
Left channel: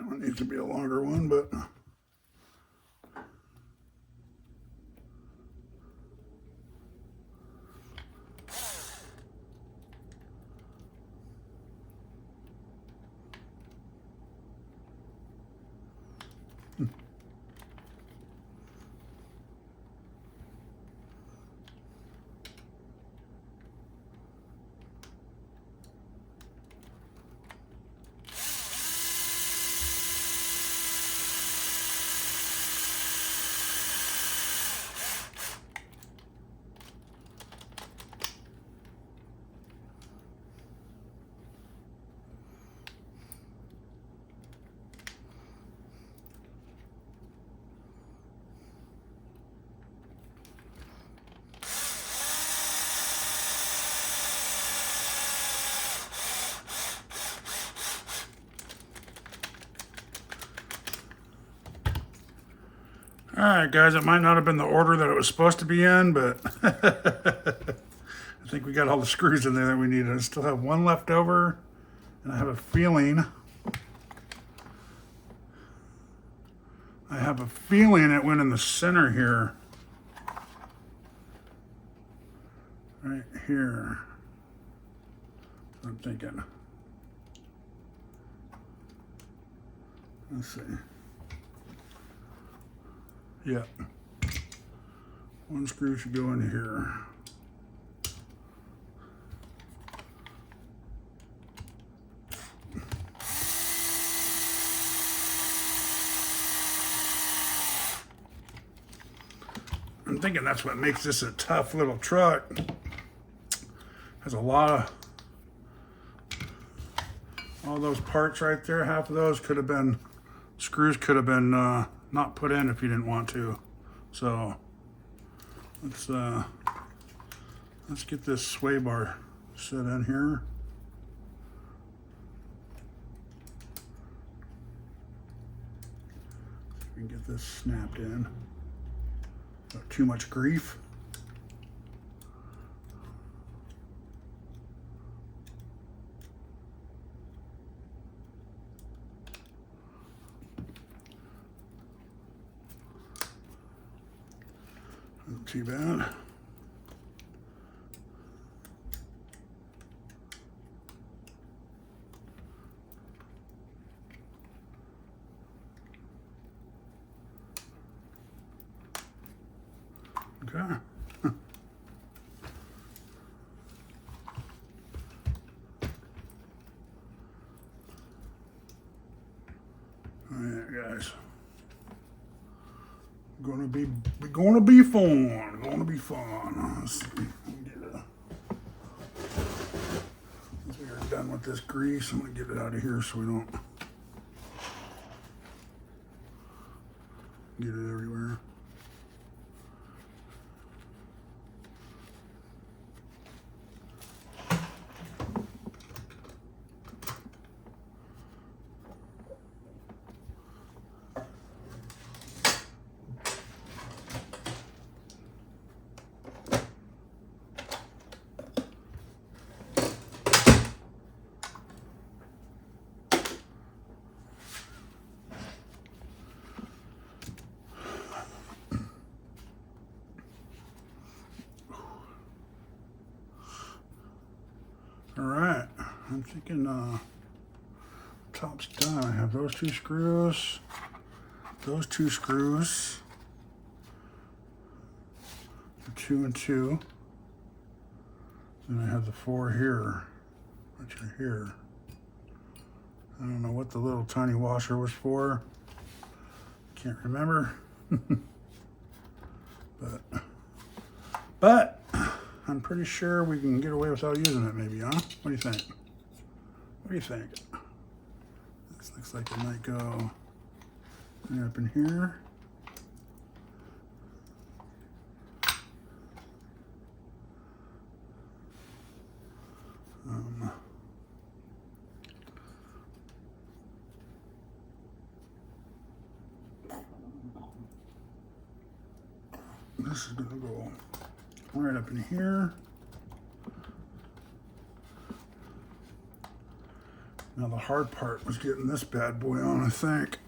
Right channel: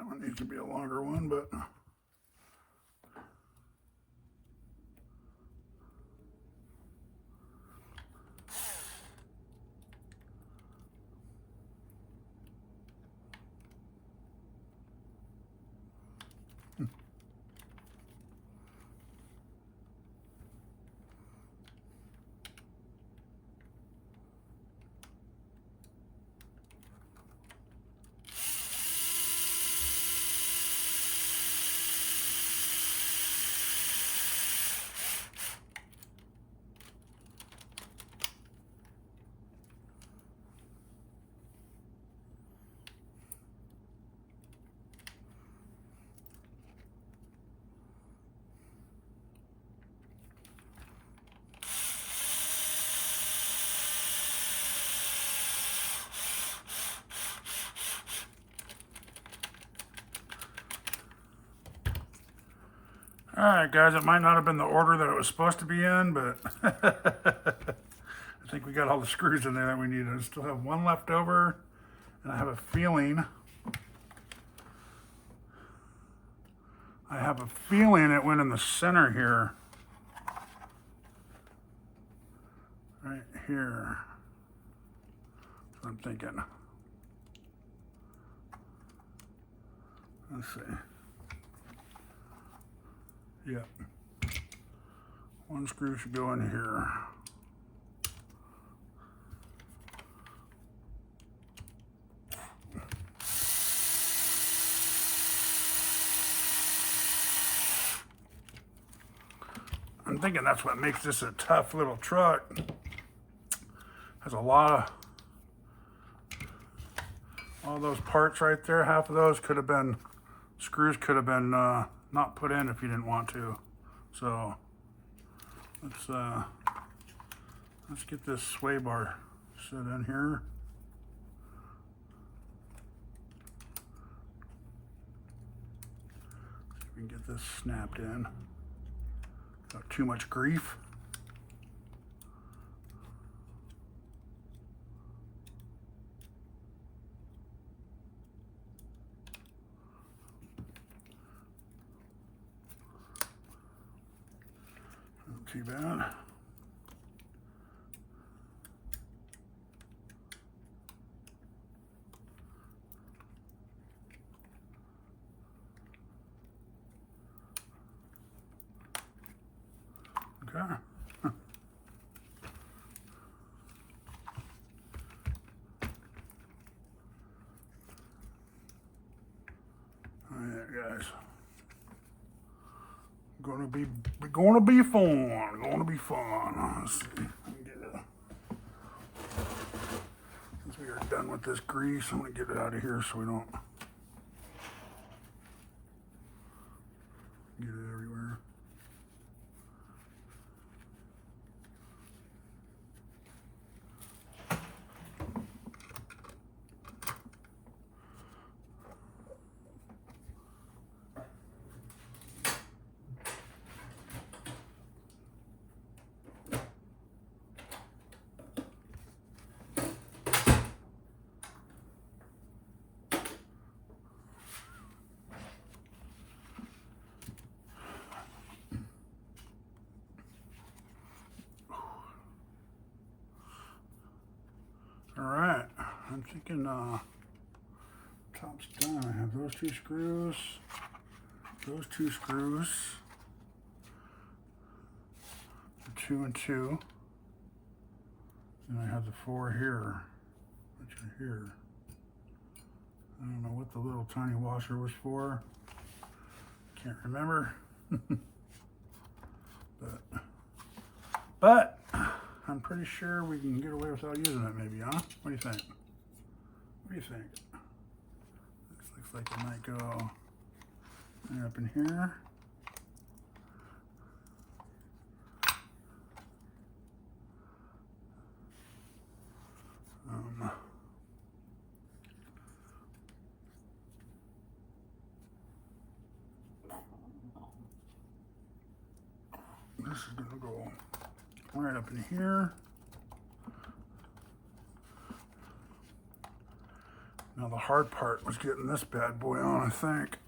That one needs to be a longer one, but all right, guys, it might not have been the order that it was supposed to be in, but I think we got all the screws in there that we needed. I still have one left over, and I have a feeling it went in the center here. Right here. That's what I'm thinking. Let's see. Yep. One screw should go in here. I'm thinking that's what makes this a tough little truck. Has a lot of, all those parts right there, half of those could have been, screws could have been not put in if you didn't want to. So let's get this sway bar set in here. We can get this snapped in. Not too much grief. Not too bad. Okay. All right, guys. Gonna be fun. Gonna be fun. Let's see. Once we are done with this grease, I'm gonna get it out of here so we don't get it everywhere. All right, I'm thinking top's done. I have those two screws, the 2 and 2. Then I have the 4 here, which are here. I don't know what the little tiny washer was for. Can't remember. But I'm pretty sure we can get away without using it, maybe, huh? What do you think? What do you think? This looks like it might go right up in here. This is gonna go right up in here. Now the hard part was getting this bad boy on, I think.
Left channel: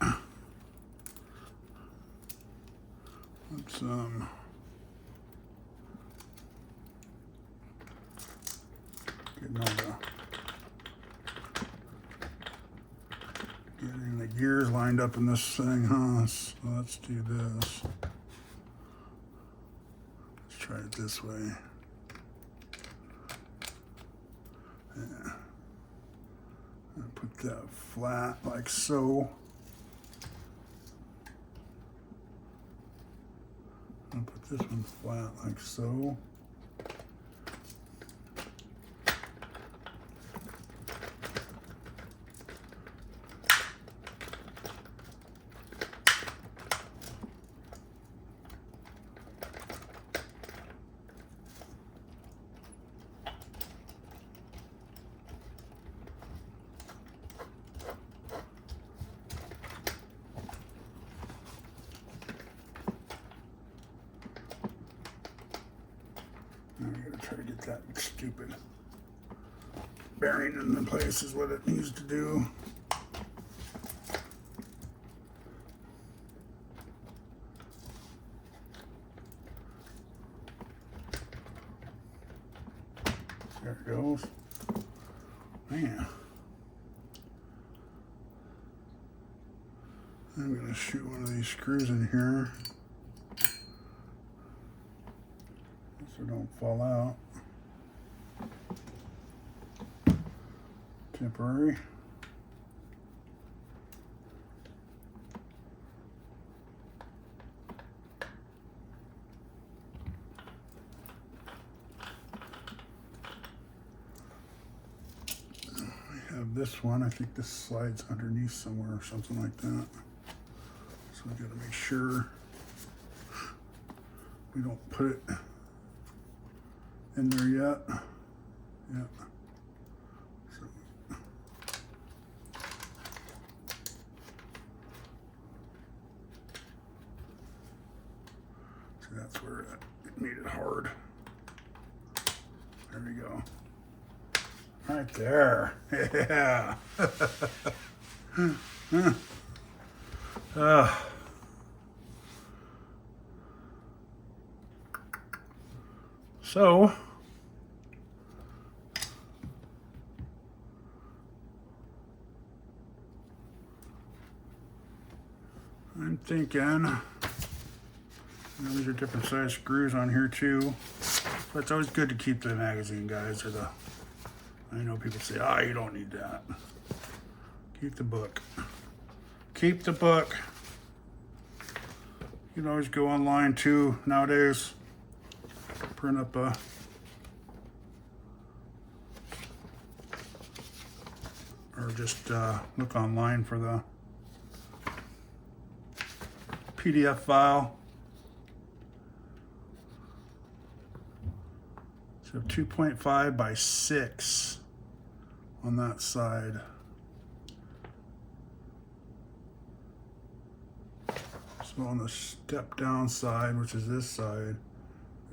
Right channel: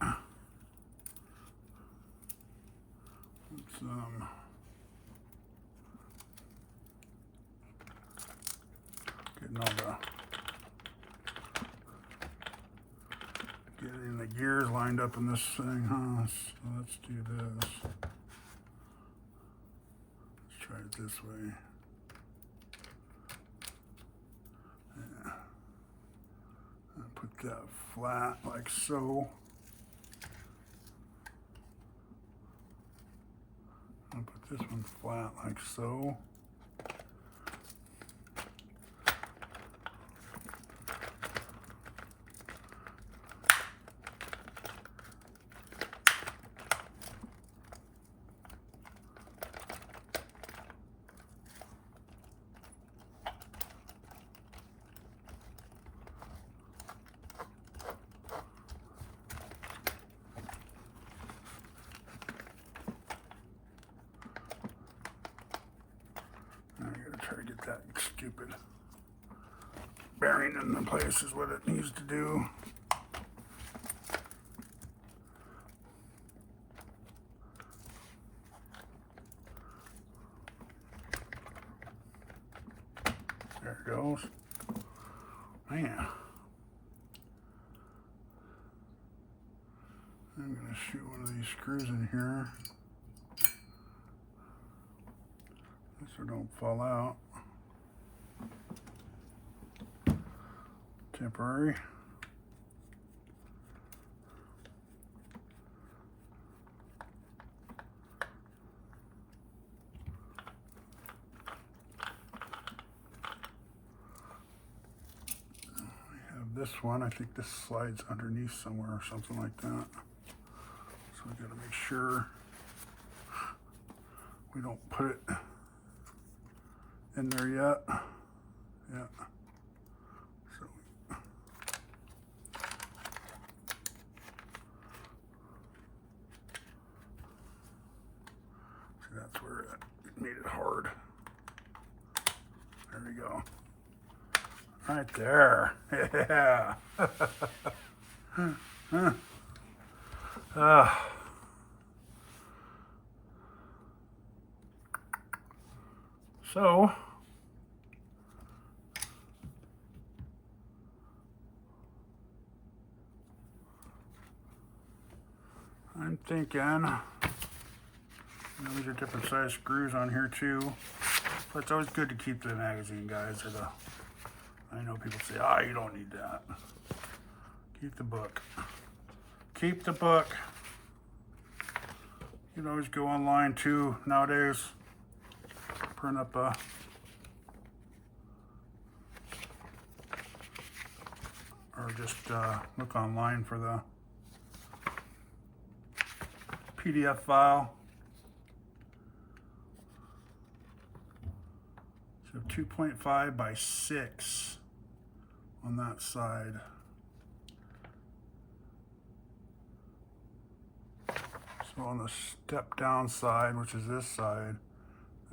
Let's getting all getting the gears lined up in this thing, huh? So let's do this. Let's try it this way. Yeah. I'll put that flat like so. I'll put this one flat like so. Now I gotta try to get that stupid bearing in the place is what it needs to do. There it goes. Man. I'm gonna shoot one of these screws in here so don't fall out. Temporary. We have this one. I think this slides underneath somewhere or something like that. So we gotta make sure we don't put it in there yet. Yeah. So see, that's where it made it hard. There we go. Right there. Yeah. So I'm thinking, these are different size screws on here too, but it's always good to keep the magazine guys, or the, I know people say, ah, you don't need that. Keep the book. Keep the book. You can always go online too nowadays. Print up a or just look online for the PDF file. So 2.5 by 6 on that side. So on the step down side, which is this side,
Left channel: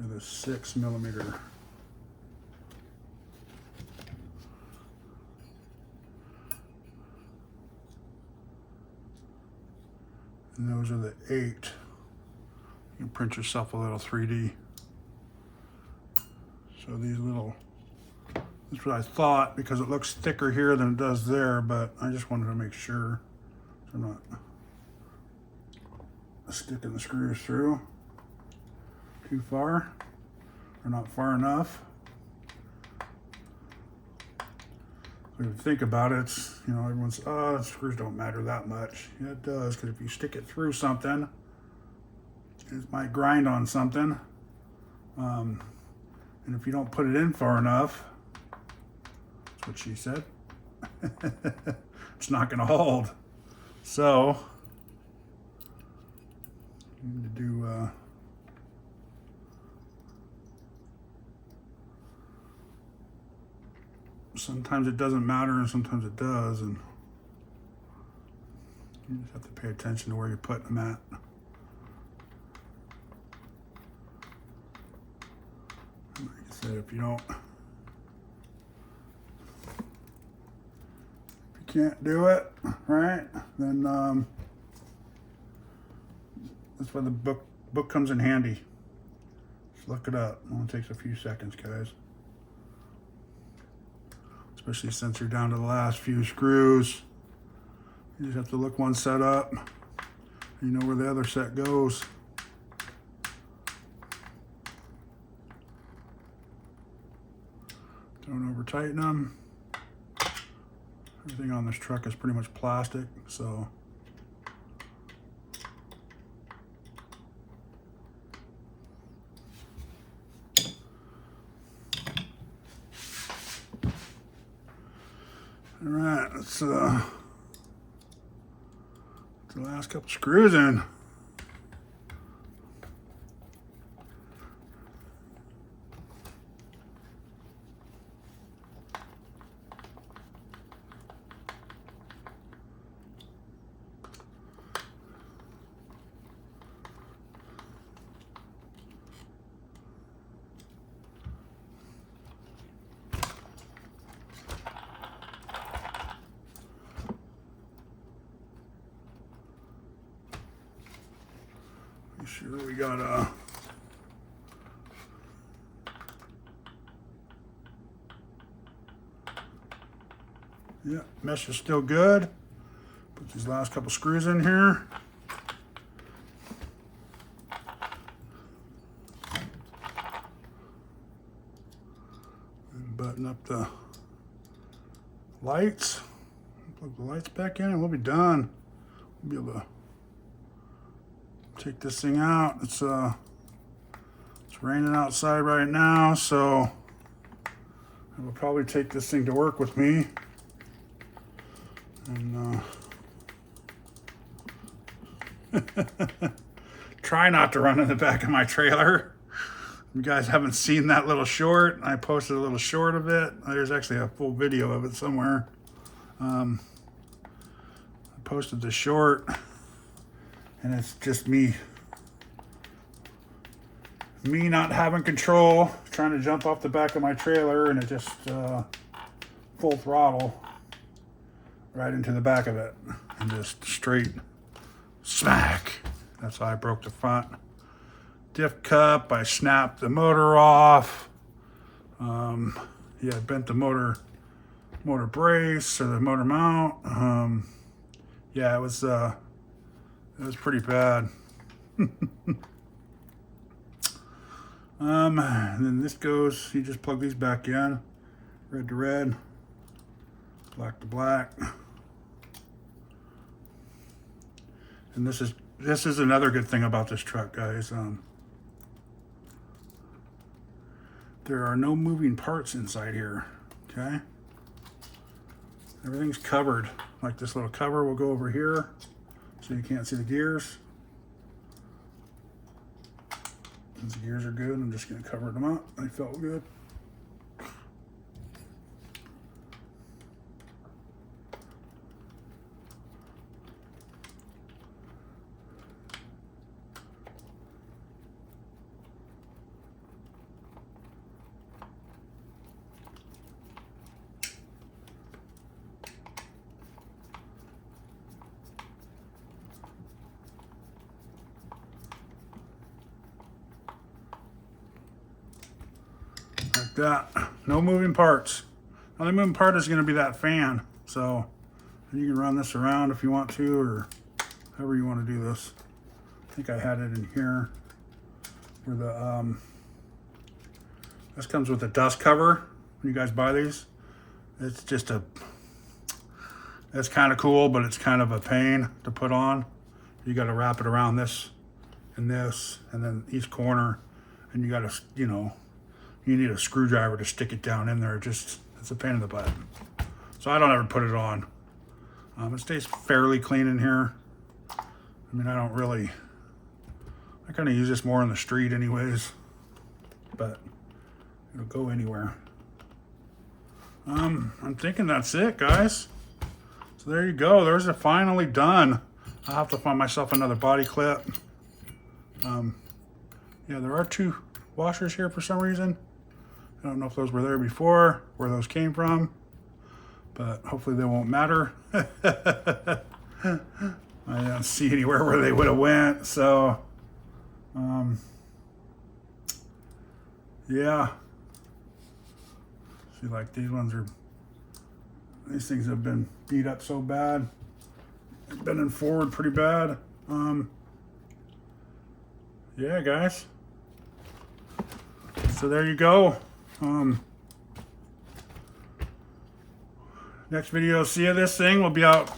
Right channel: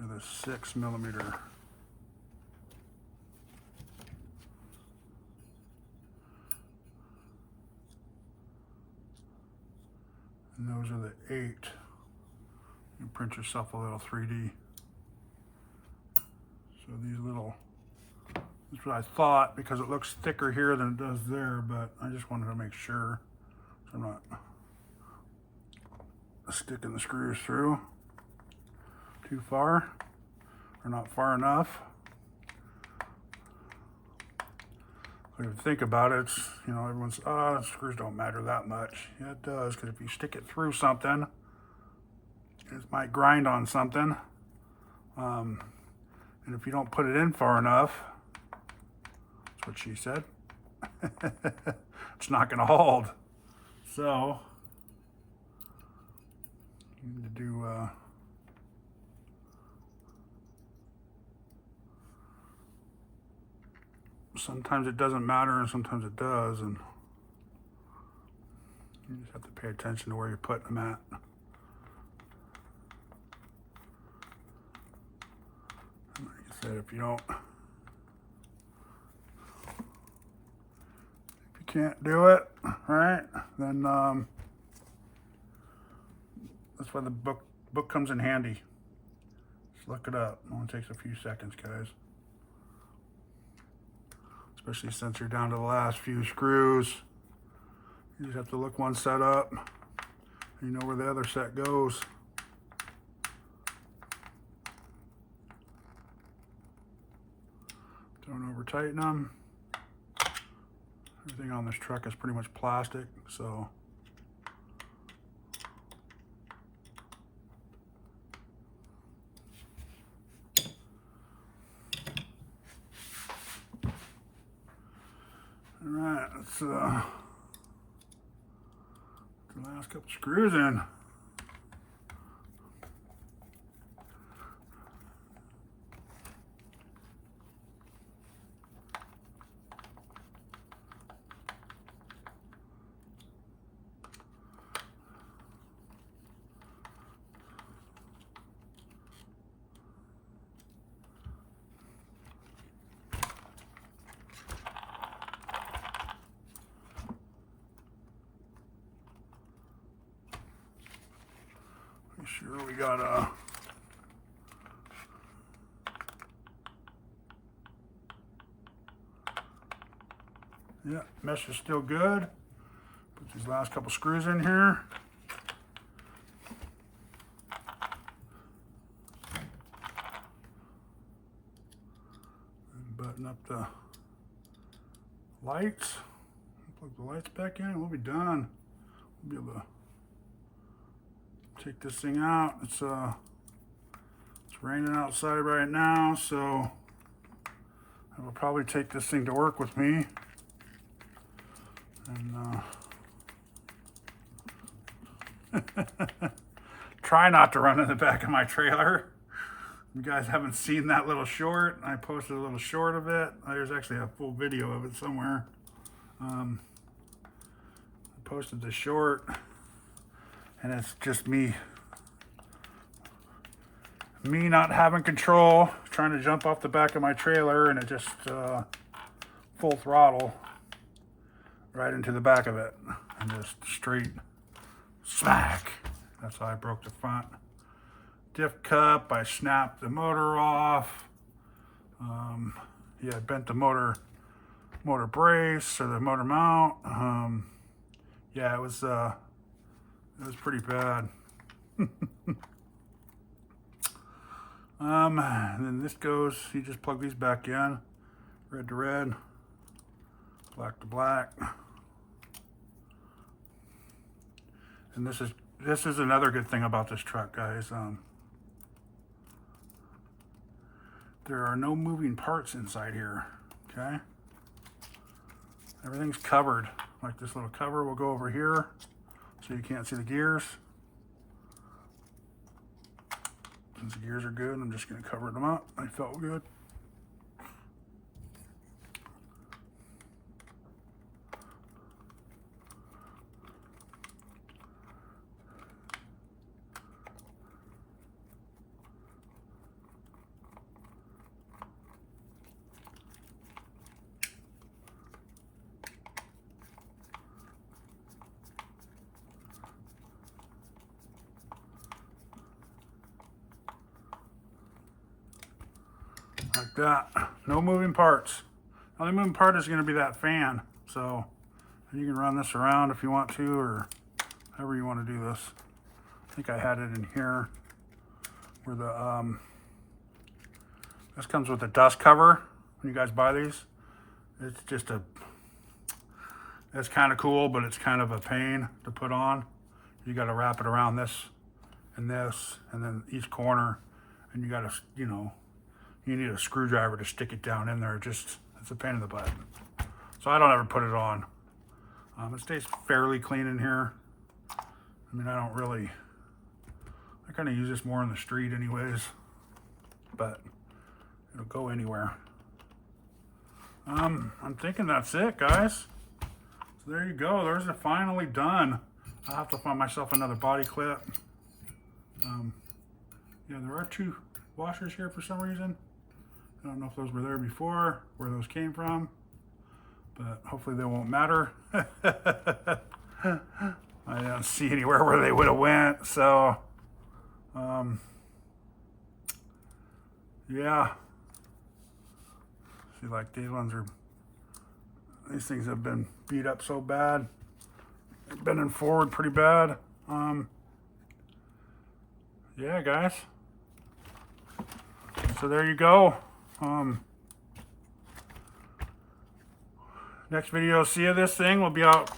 there's a 6mm. And those are the 8. You can print yourself a little 3D. So these little, that's what I thought, because it looks thicker here than it does there, but I just wanted to make sure I'm not sticking the screws through too far, or not far enough. If you think about it, it's, you know, everyone's, oh, screws don't matter that much. Yeah, it does, because if you stick it through something, it might grind on something. And if you don't put it in far enough, that's what she said, it's not going to hold. So, you need to do sometimes it doesn't matter and sometimes it does, and you just have to pay attention to where you're putting them at. Like I said, if you can't do it, right? Then that's why the book comes in handy. Just look it up. It only takes a few seconds, guys. Especially since you're down to the last few screws. You just have to look one set up. You know where the other set goes. Don't over tighten them. Everything on this truck is pretty much plastic, so all right, let's the last couple screws in. Sure, we got yeah, mesh is still good. Put these last couple screws in here. And button up the lights. Plug the lights back in and we'll be done. We'll be able to take this thing out. It's raining outside right now, so I will probably take this thing to work with me. And try not to run in the back of my trailer. You guys haven't seen that little short. I posted a little short of it. There's actually a full video of it somewhere. I posted the short. And it's just me not having control, trying to jump off the back of my trailer, and it just full throttle right into the back of it, and just straight smack. That's how I broke the front diff cup. I snapped the motor off. Yeah, I bent the motor brace or the motor mount. Yeah, it was pretty bad. And then this goes, you just plug these back in, red to red, black to black. And this is another good thing about this truck, guys. There are no moving parts inside here, okay? Everything's covered. Like this little cover will go over here, so you can't see the gears. These gears are good. I'm just going to cover them up. They felt good. Like that. No moving parts. The only moving part is going to be that fan. So you can run this around if you want to, or however you want to do this. I think I had it in here where the this comes with a dust cover when you guys buy these. It's just it's kind of cool, but it's kind of a pain to put on. You got to wrap it around this, and then each corner, and you got to, you need a screwdriver to stick it down in there. It's a pain in the butt. So I don't ever put it on. It stays fairly clean in here. I mean, I kind of use this more on the street anyways, but it'll go anywhere. I'm thinking that's it, guys. So there you go. There's it, finally done. I'll have to find myself another body clip. Yeah, there are 2 washers here for some reason. I don't know if those were there before, where those came from, but hopefully they won't matter. I don't see anywhere where they would have went, so yeah. See, like these things have been beat up so bad. They're bending forward pretty bad. Yeah, guys. So there you go. Next video, see of this thing, we'll be out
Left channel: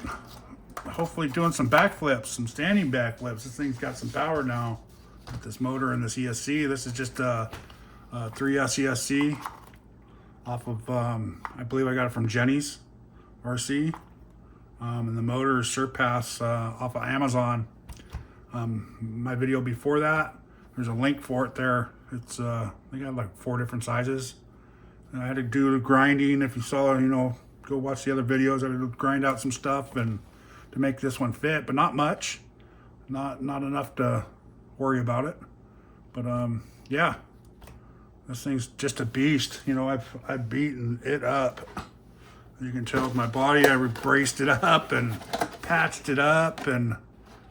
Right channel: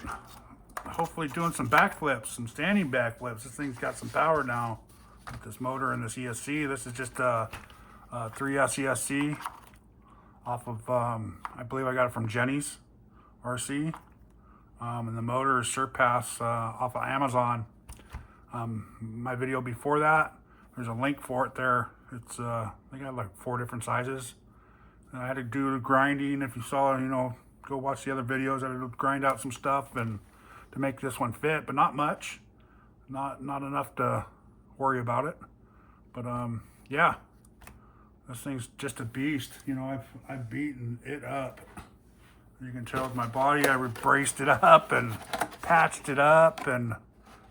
hopefully doing some backflips, some standing backflips. This thing's got some power now with this motor and this ESC. This is just a 3S ESC off of, I believe I got it from Jenny's RC. And the motor is Surpass off of Amazon. My video before that, there's a link for it there. It's they got like 4 different sizes. And I had to do the grinding. If you saw, you know, go watch the other videos. I had to grind out some stuff and to make this one fit, but not much, not enough to worry about it. But yeah, this thing's just a beast. You know, I've beaten it up. You can tell with my body, I braced it up and patched it up, and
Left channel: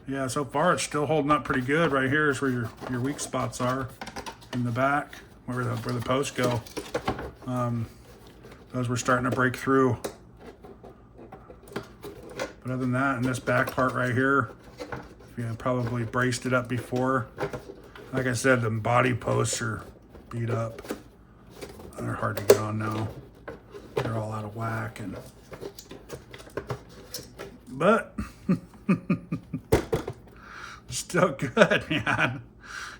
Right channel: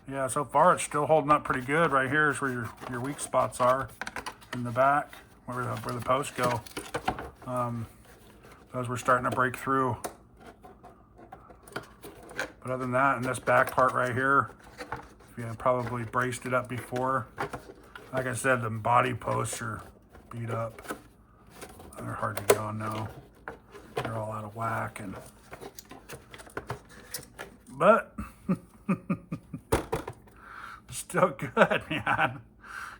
yeah, so far it's still holding up pretty good. Right here is where your weak spots are in the back, where the posts go. Those were starting to break through. But other than that, and this back part right here, you know, probably braced it up before. Like I said, the body posts are beat up. They're hard to get on now. They're all out of whack, but still good, man.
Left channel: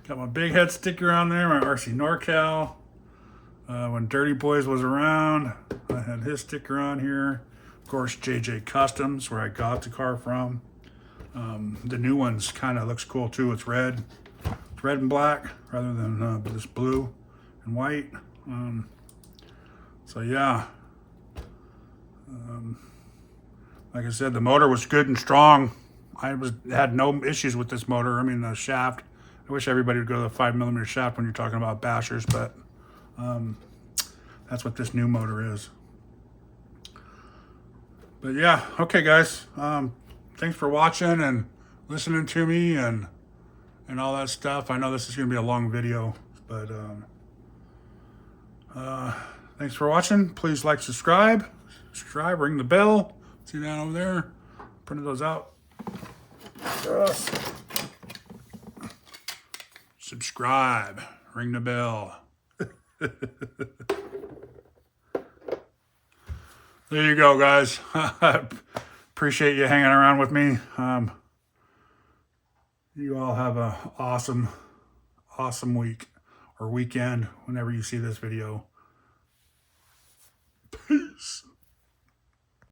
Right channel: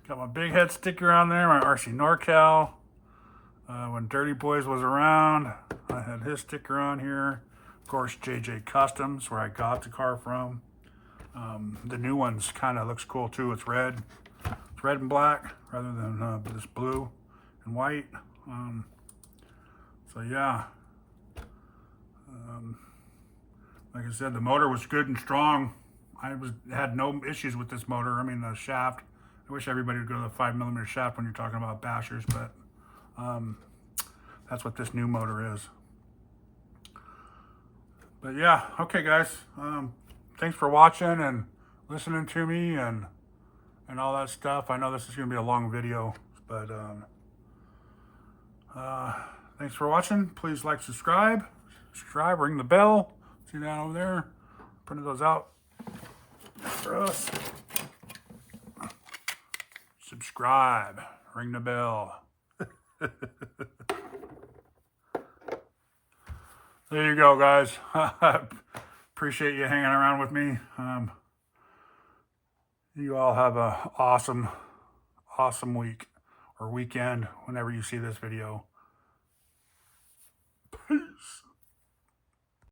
Got my big head sticker on there, my RC NorCal. When Dirty Boys was around, I had his sticker on here. Of course, JJ Customs, where I got the car from. The new one's kind of looks cool too. It's red. It's red and black rather than this blue and white. So yeah. Like I said, the motor was good and strong. Had no issues with this motor. I mean, the shaft. I wish everybody would go to the 5mm shaft when you're talking about bashers, but that's what this new motor is. But yeah, okay, guys. Thanks for watching and listening to me and all that stuff. I know this is going to be a long video, but thanks for watching. Please like, subscribe, ring the bell. See that over there? Printed those out for us. Subscribe, ring the bell. There you go, guys. Appreciate you hanging around with me. You all have a awesome week or weekend whenever you see this video.